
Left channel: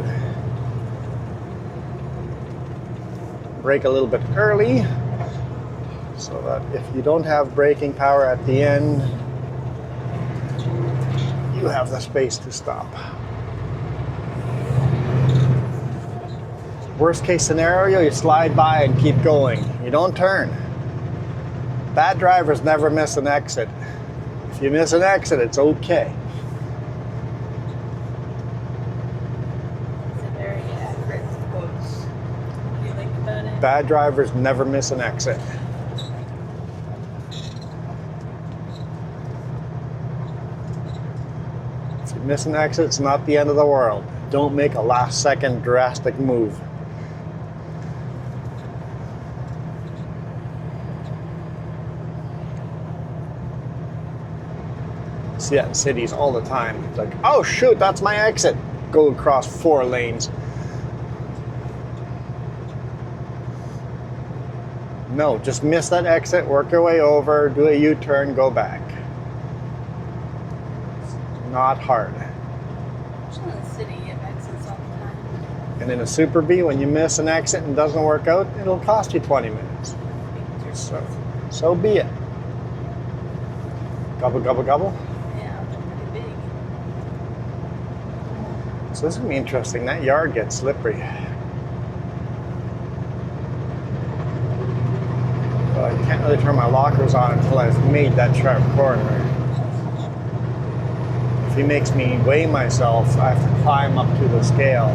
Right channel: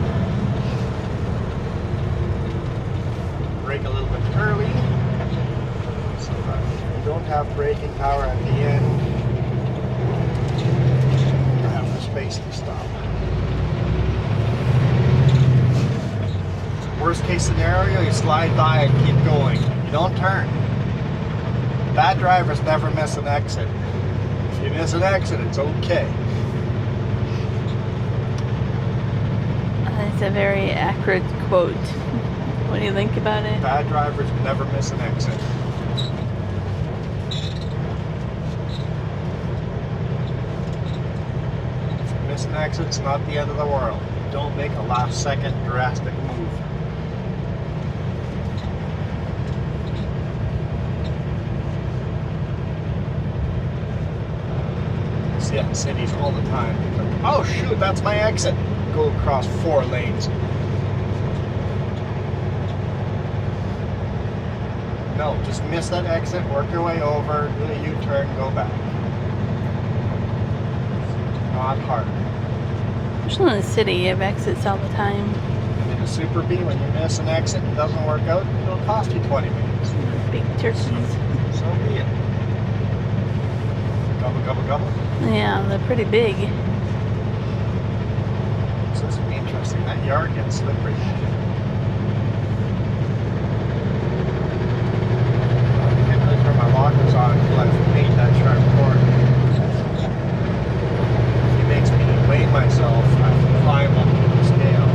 Brake a little bit early, so that if you don't have braking power at the end, you have the space to stop. Worst case scenario, you slide by and keep going. You don't turn. Bad drivers never miss an exit. If you miss an exit, it's okay. It's a very accurate quote. What do you think about it? Bad drivers never miss an exit. If you miss an exit, it's not the end of the world. Don't make a last second drastic move. See that in cities all the time. It's like, oh shoot, that's my exit. Go across 4 lanes. No, just miss that exit, work your way over, do a U-turn, go back. Not hard. Especially in the city, you have exits all the time. And in a Super B, when you miss an exit and doesn't work out, it'll cost you 20 minutes. Big turkeys. So be it. Gobble, gobble, gobble. Yeah, they're pretty big. So this will be interesting. That yard gets slippery. But I can't really turn my lockers on until I've made that sharp corner. If he makes me weigh myself, I have to climb up to the scale.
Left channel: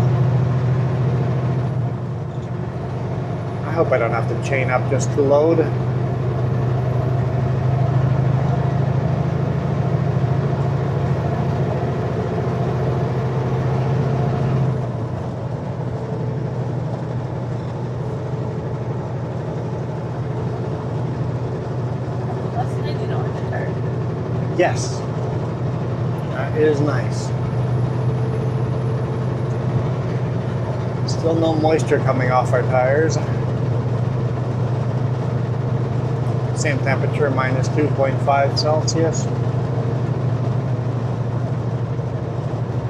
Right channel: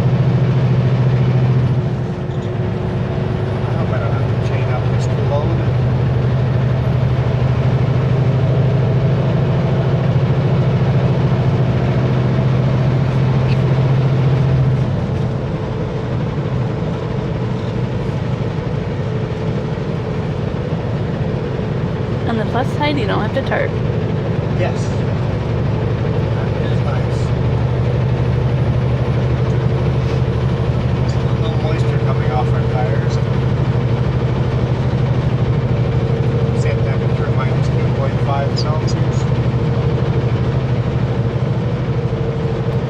I hope I don't have to chain up just to load. On the plus side, you don't have to tarp. Yes. That is nice. Still no moisture coming off our tires. Same temperature, minus 2.5 Celsius.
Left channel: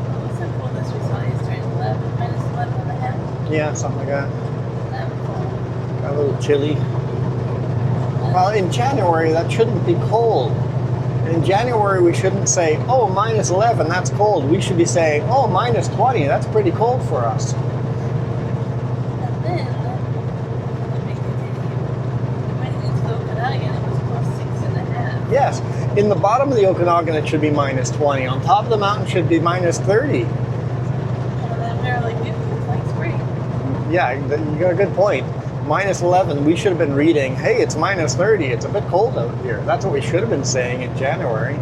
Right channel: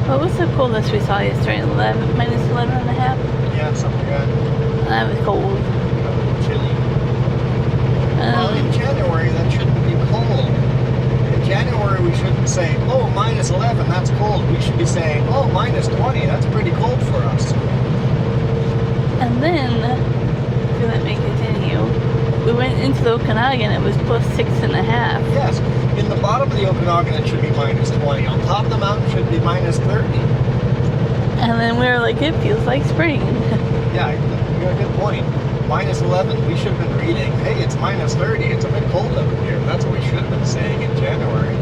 What was the coldest we saw yesterday? Minus 11 and a half? Yeah, something like that. That was cold. A little chilly. Well, in January, that shouldn't be cold. In January, we shouldn't say, oh, minus 11, that's cold. We should be saying, oh, minus 20, that's pretty cold for us. And then, if let me continue, we went into the Okanagan, it was plus 6.5. Yes, in the bottom of the Okanagan, it should be minus 20. On top of the mountain, it should be minus 30. And then we were like, it feels like spring. Yeah, you got a good point. Minus 11, we should have been reading, hey, it's minus 30, it's a bit cold over here. That's what we should have been saying in January.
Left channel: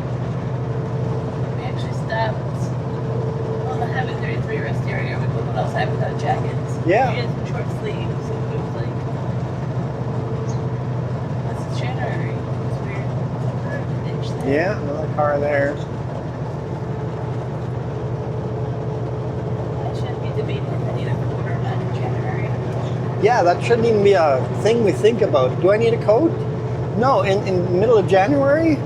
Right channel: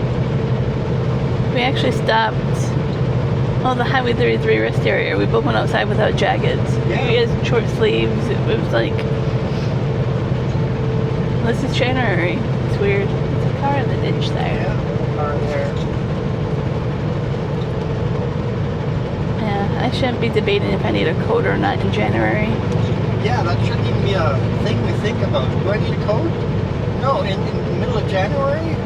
We actually stopped, the Highway 33 rest area. We both went outside without jackets. Yeah. We had short sleeves. It was like, this is January. It's weird. There's a car in the ditch there. Yeah, little car there. Yeah, I shouldn't be debating if I need a coat or not in January. Yeah, that shouldn't even be a thing we think about. Do I need a coat? No, in the middle of January,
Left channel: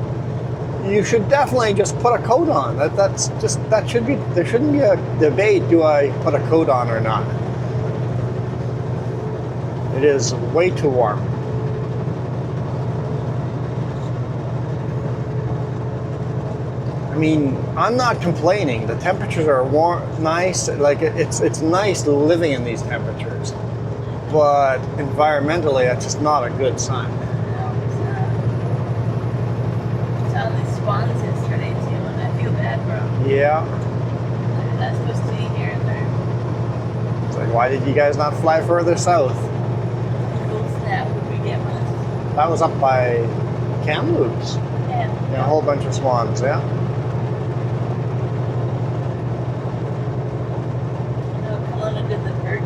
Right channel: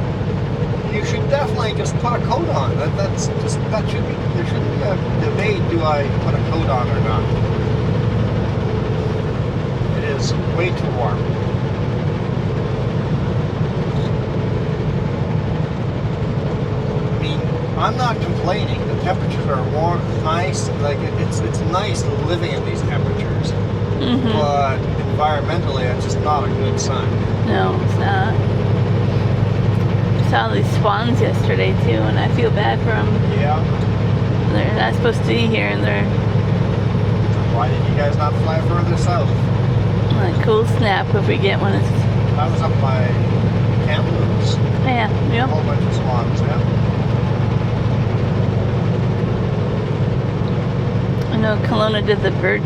you should definitely just put a coat on. There shouldn't be a debate, do I put a coat on or not? It is way too warm. I mean, I'm not complaining. The temperatures are warm, nice. Like it's nice living in these temperatures. Mm-hmm. But environmentally, that's just not a good sign. No, it's not. I saw these swans yesterday too, and I feel bad for them. Yeah. They're not supposed to be here, and they're. It's like, why did you guys not fly further south? Like, cold snap if we get one. That was up by Kamloops. Yeah, A yeah. whole bunch of swans, yeah. I know Kelowna did the bird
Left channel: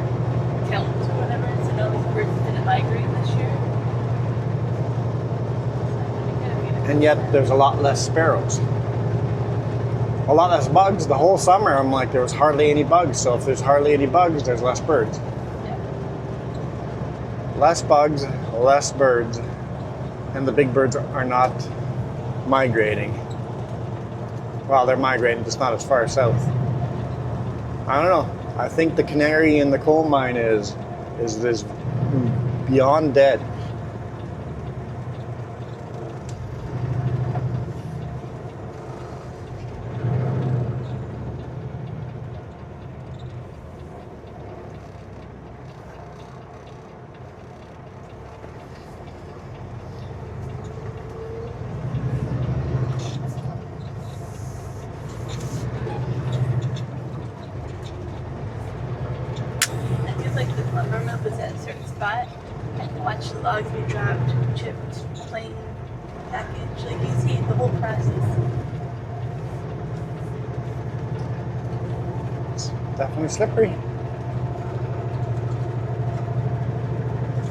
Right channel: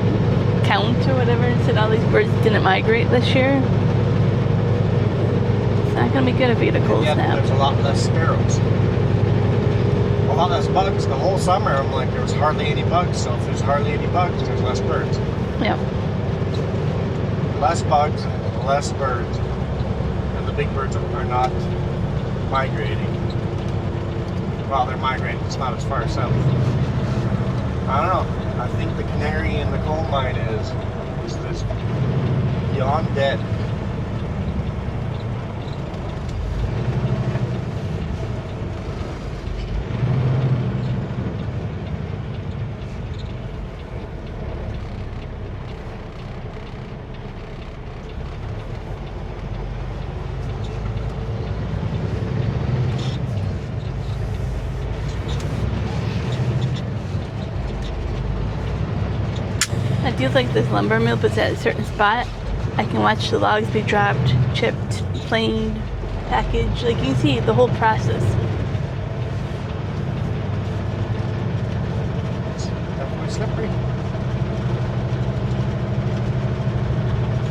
count or whatever and said all these birds didn't migrate this year. It's not gonna be good if we get a cold And yet snap. there's a lot less sparrows. A lot less bugs. The whole summer I'm like there was hardly any bugs. So if there's hardly any bugs, there's less birds. Yeah. Less bugs, less birds. And the big birds are not migrating. Well, they're migrating, just not as far south. I don't know. I think the canary in the coal mine is this beyond dead. I do like this lumber mill, but at a certain spot, I can watch the logs be dropped, chipped, planed, packaged. Like you see the whole process. It's definitely slippery.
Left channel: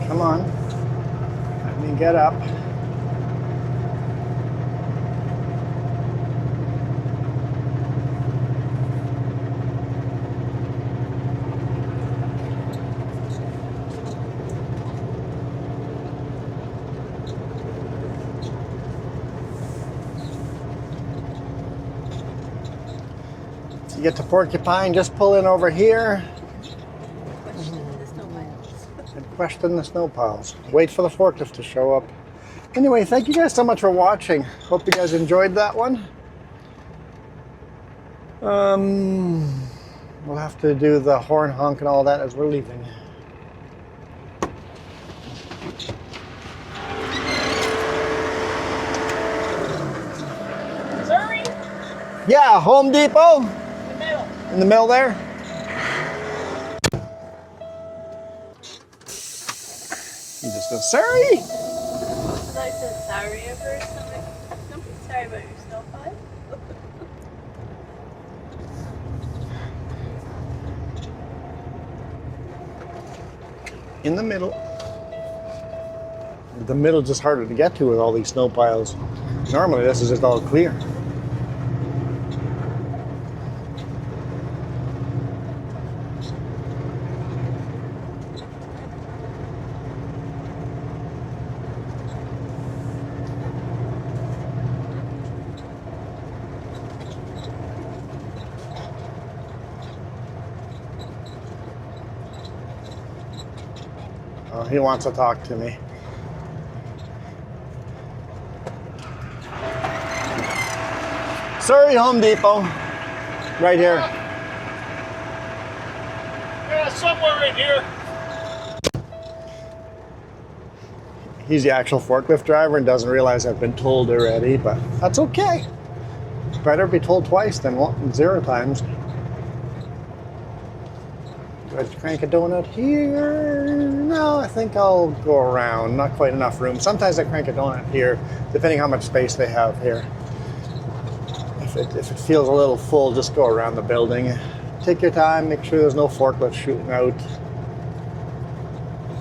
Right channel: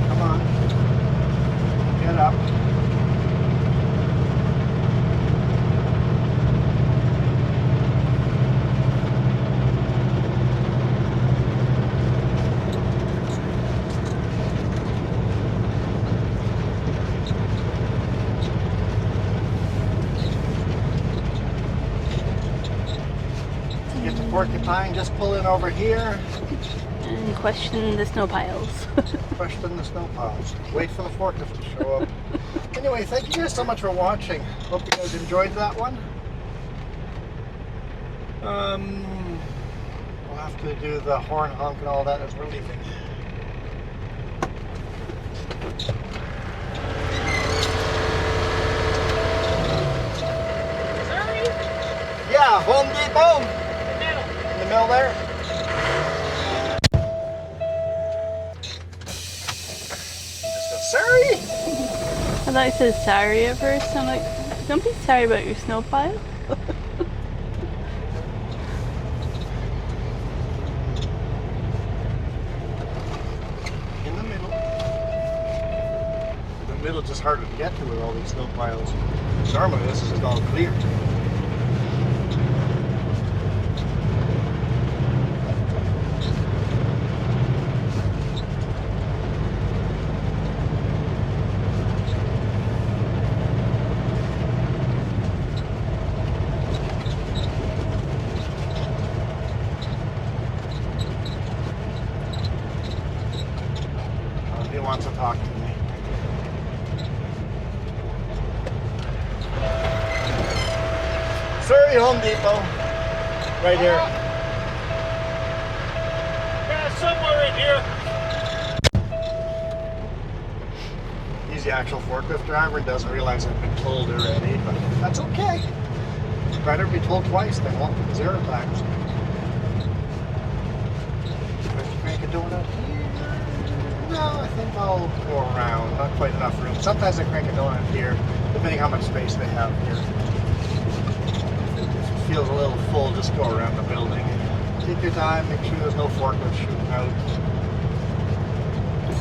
Come on. You can get up. You get to Porcupine, just pull in over here. And question the snow piles. Question the snow piles. Wait for the forklift to show up. Anyway, thank you guys so much for watching. Hope you guys enjoyed that one. We'll have to do the horn honk and all that as we're leaving. Sorry? Yeah, Home Depot. Middle. In the middle there. You just go, sorry. I thought you said sorry at first. I'm like, don't be sorry about your snow pile. In the middle. The middle's just harder to get to with all these snow piles. Normally this is just all clear. Oh, he wants to talk to me. Sorry, Home Depot. Right here. Yeah, somewhere in here. He's the actual forklift driver and doesn't realize I've been told already, but that's okay. Better be told twice than 0 times. Try to crank it down up here. No, I think I'll go around. Not quite enough room. Sometimes I crank it down up here, depending how much space they have here. If it feels a little full, just go around the building. Take your time, make sure there's no forklift shooting out.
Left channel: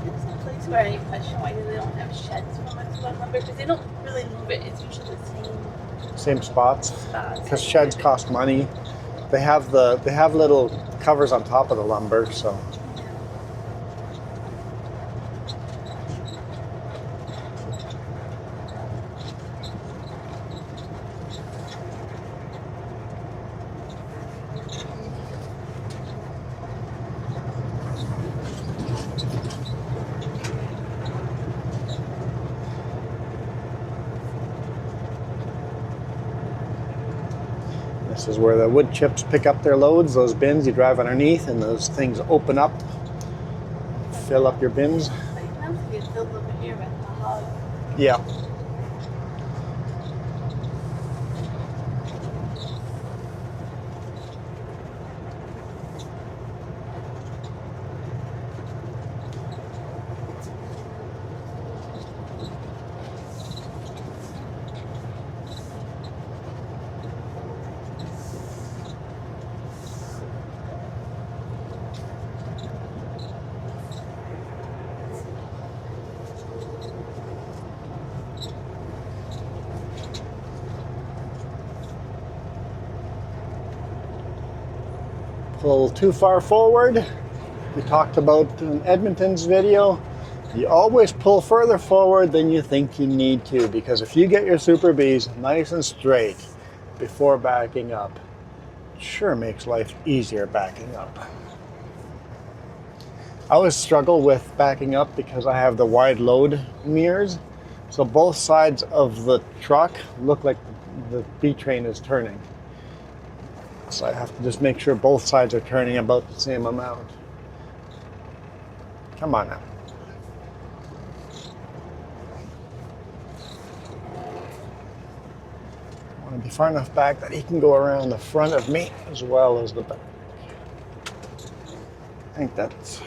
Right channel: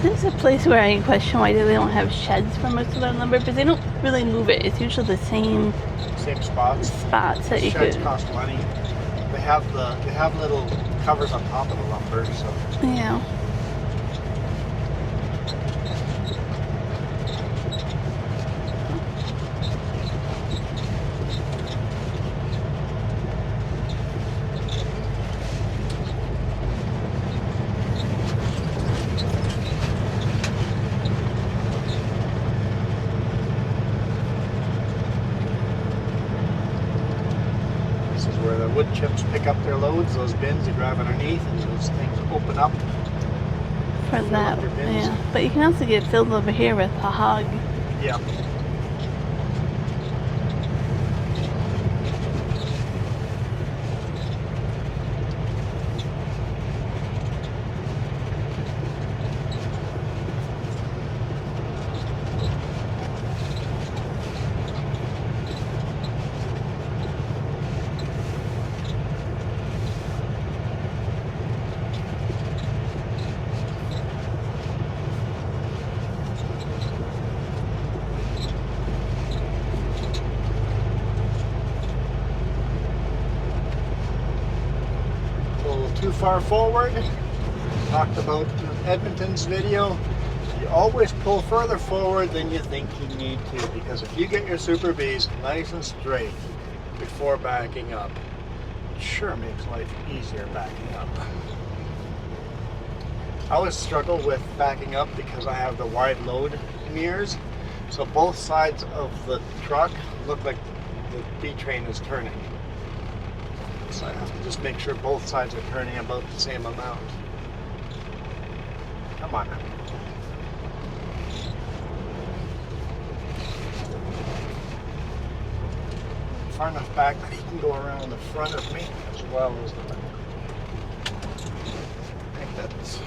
This is a place where I question why they don't have sheds for most of their lumber, because they don't really move it. It's usually the same Same spots. spots The that you sheds could. cost money. They have little covers on top of the lumber, so. Yeah. This is where the wood chips pick up their loads, those bins you drive underneath, and those things open up. For Fill up that, your bins. Yeah. But you can also get filled over here with a hog. Yeah. a little too far forward. We talked about in Edmonton's video, you always pull further forward than you think you need to, because if you get your Super Bs nice and straight before backing up, it sure makes life easier backing up. I always struggle with backing up because I have the wide load mirrors, so both sides of the truck look like the B-train is turning. So I have to just make sure both sides are turning about the same amount. Come on now. I'm far enough back that he can go around the front of me as well as the back. I think that's...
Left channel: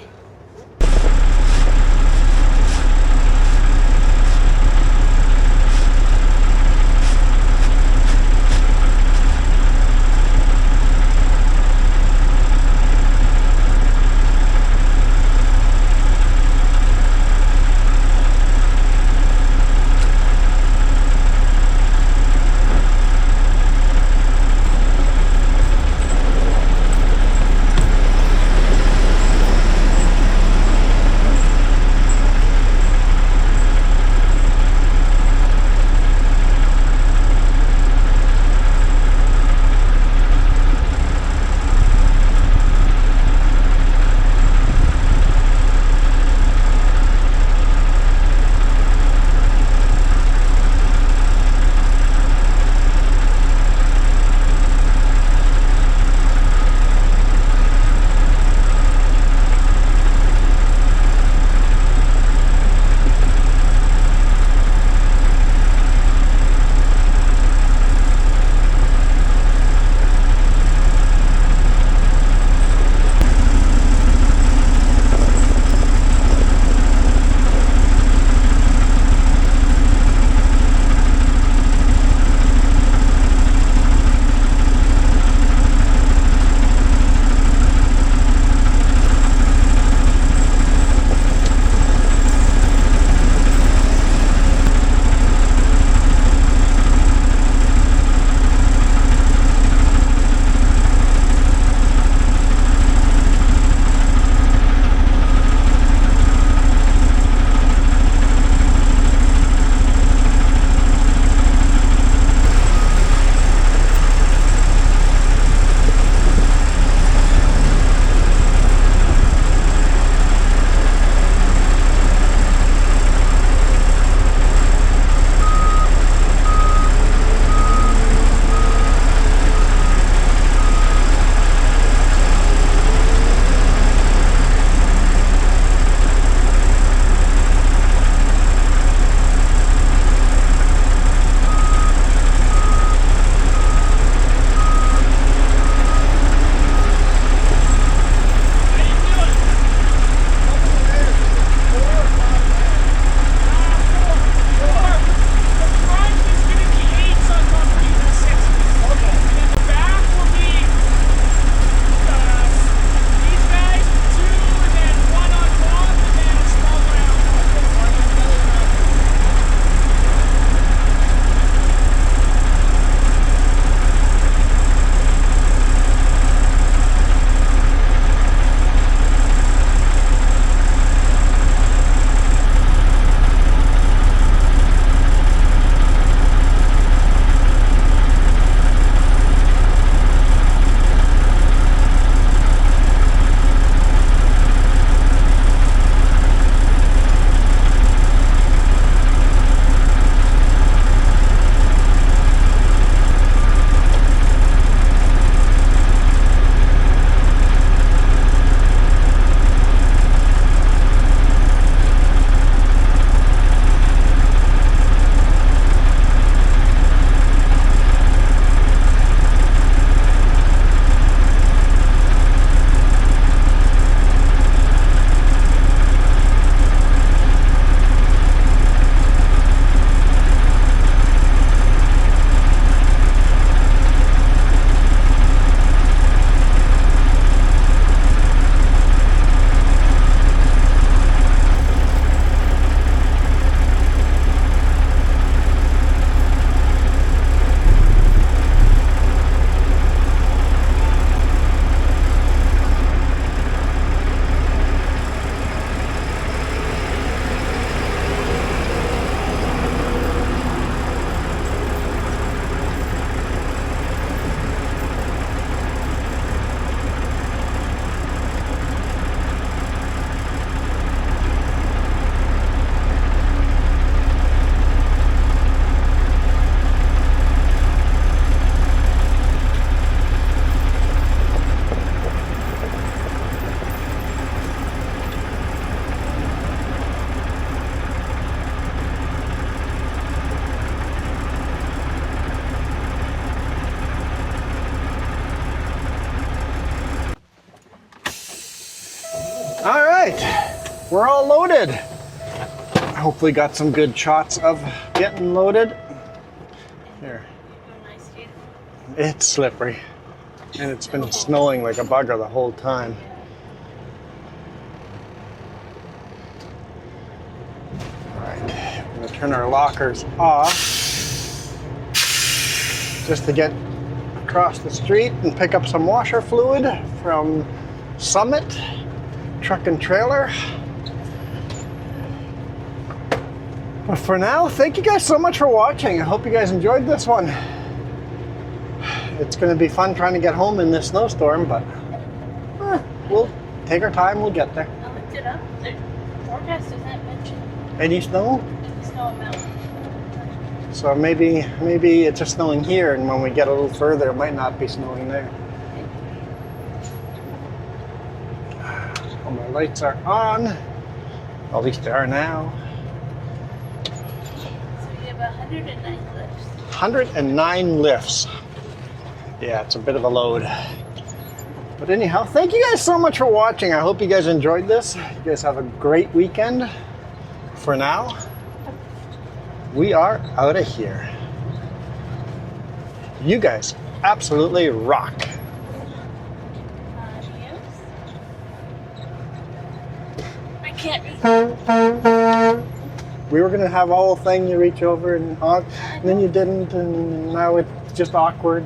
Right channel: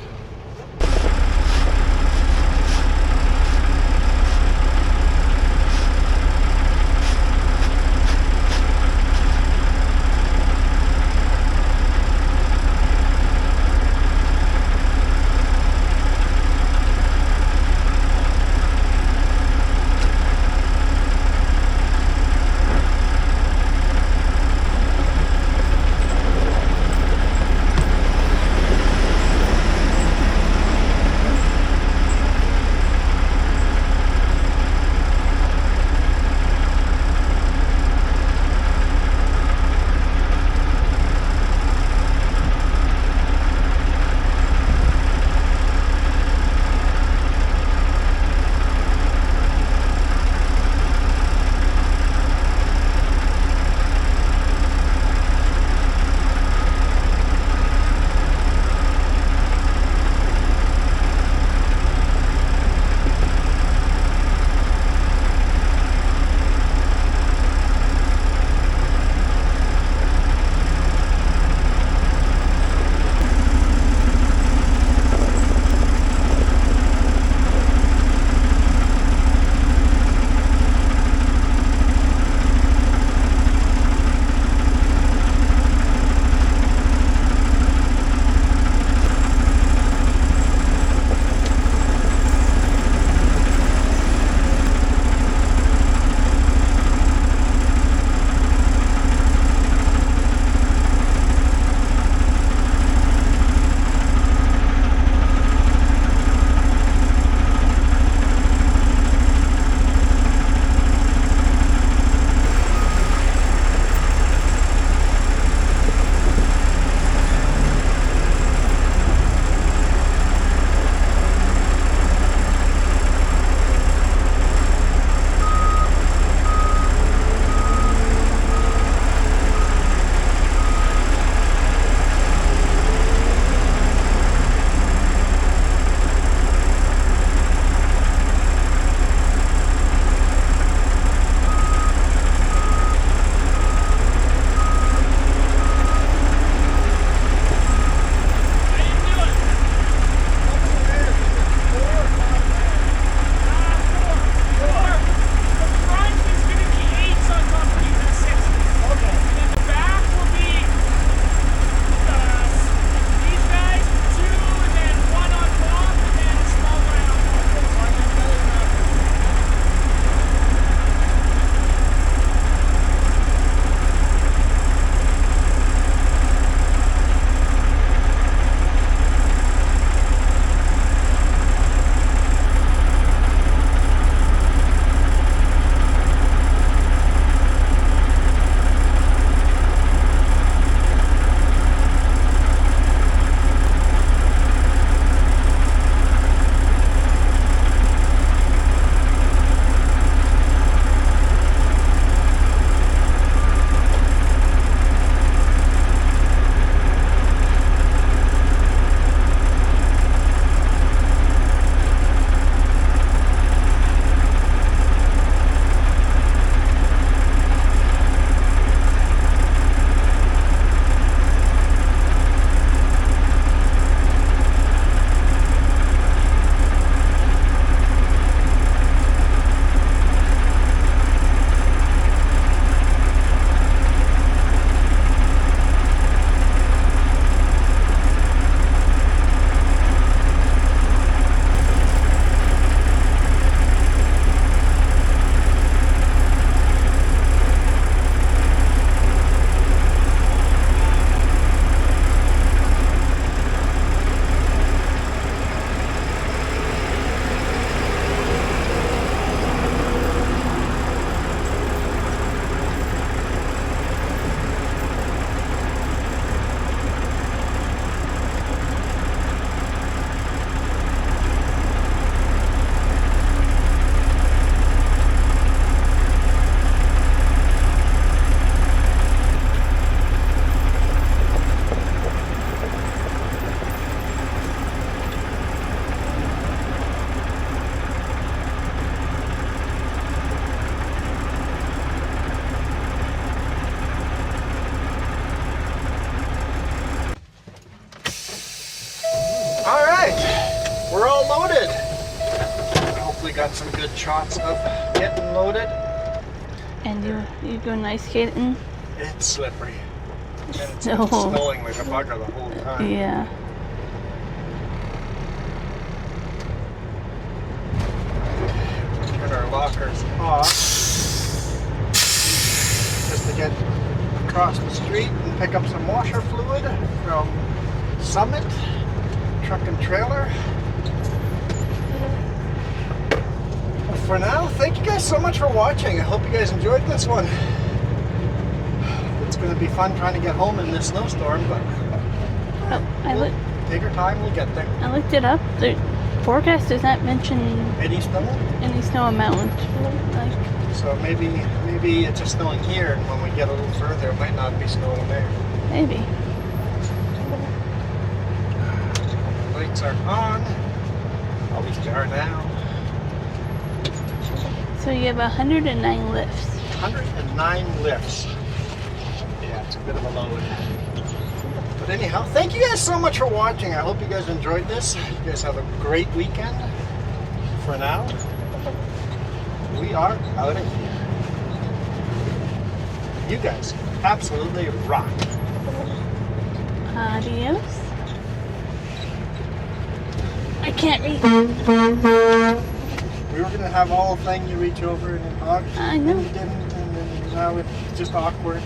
we're all loaded. Hopefully got some good shots of getting loaded. And you go ice skating? It's slippery. And it's been No. snowing like a bugger the whole time. Yeah. Turn our lockers off just to get across the street and pick up some washer fluid from Summit Truck and Trailer. But for now, thank you guys so much for watching. I hope you guys enjoyed this one. It's going to be fun trying to get home in this snowstorm, but we'll take our time, we'll get there. I looked it up. The forecast does not mention Any snow? any snow amount. Like, So maybe it's just snowing here, and when we get a little further, it might not be snowing there. maybe. All my lights are on. At least they are now. So you have 109 lifts. 109 lifts. Yeah, it's a bit of a load. But anyhow, thank you guys so much for watching. I hope you guys enjoyed this. You guys have a great weekend. For now, we are out of here. You guys absolutely rock. Adios. I can't read. We were gonna have all the thing, you reach over and hug, I then know. you didn't, and now it's just awkward.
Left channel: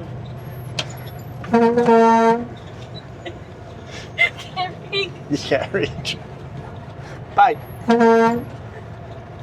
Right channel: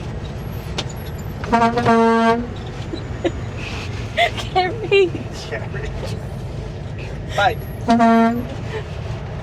Can't read. You can't reach. Bye.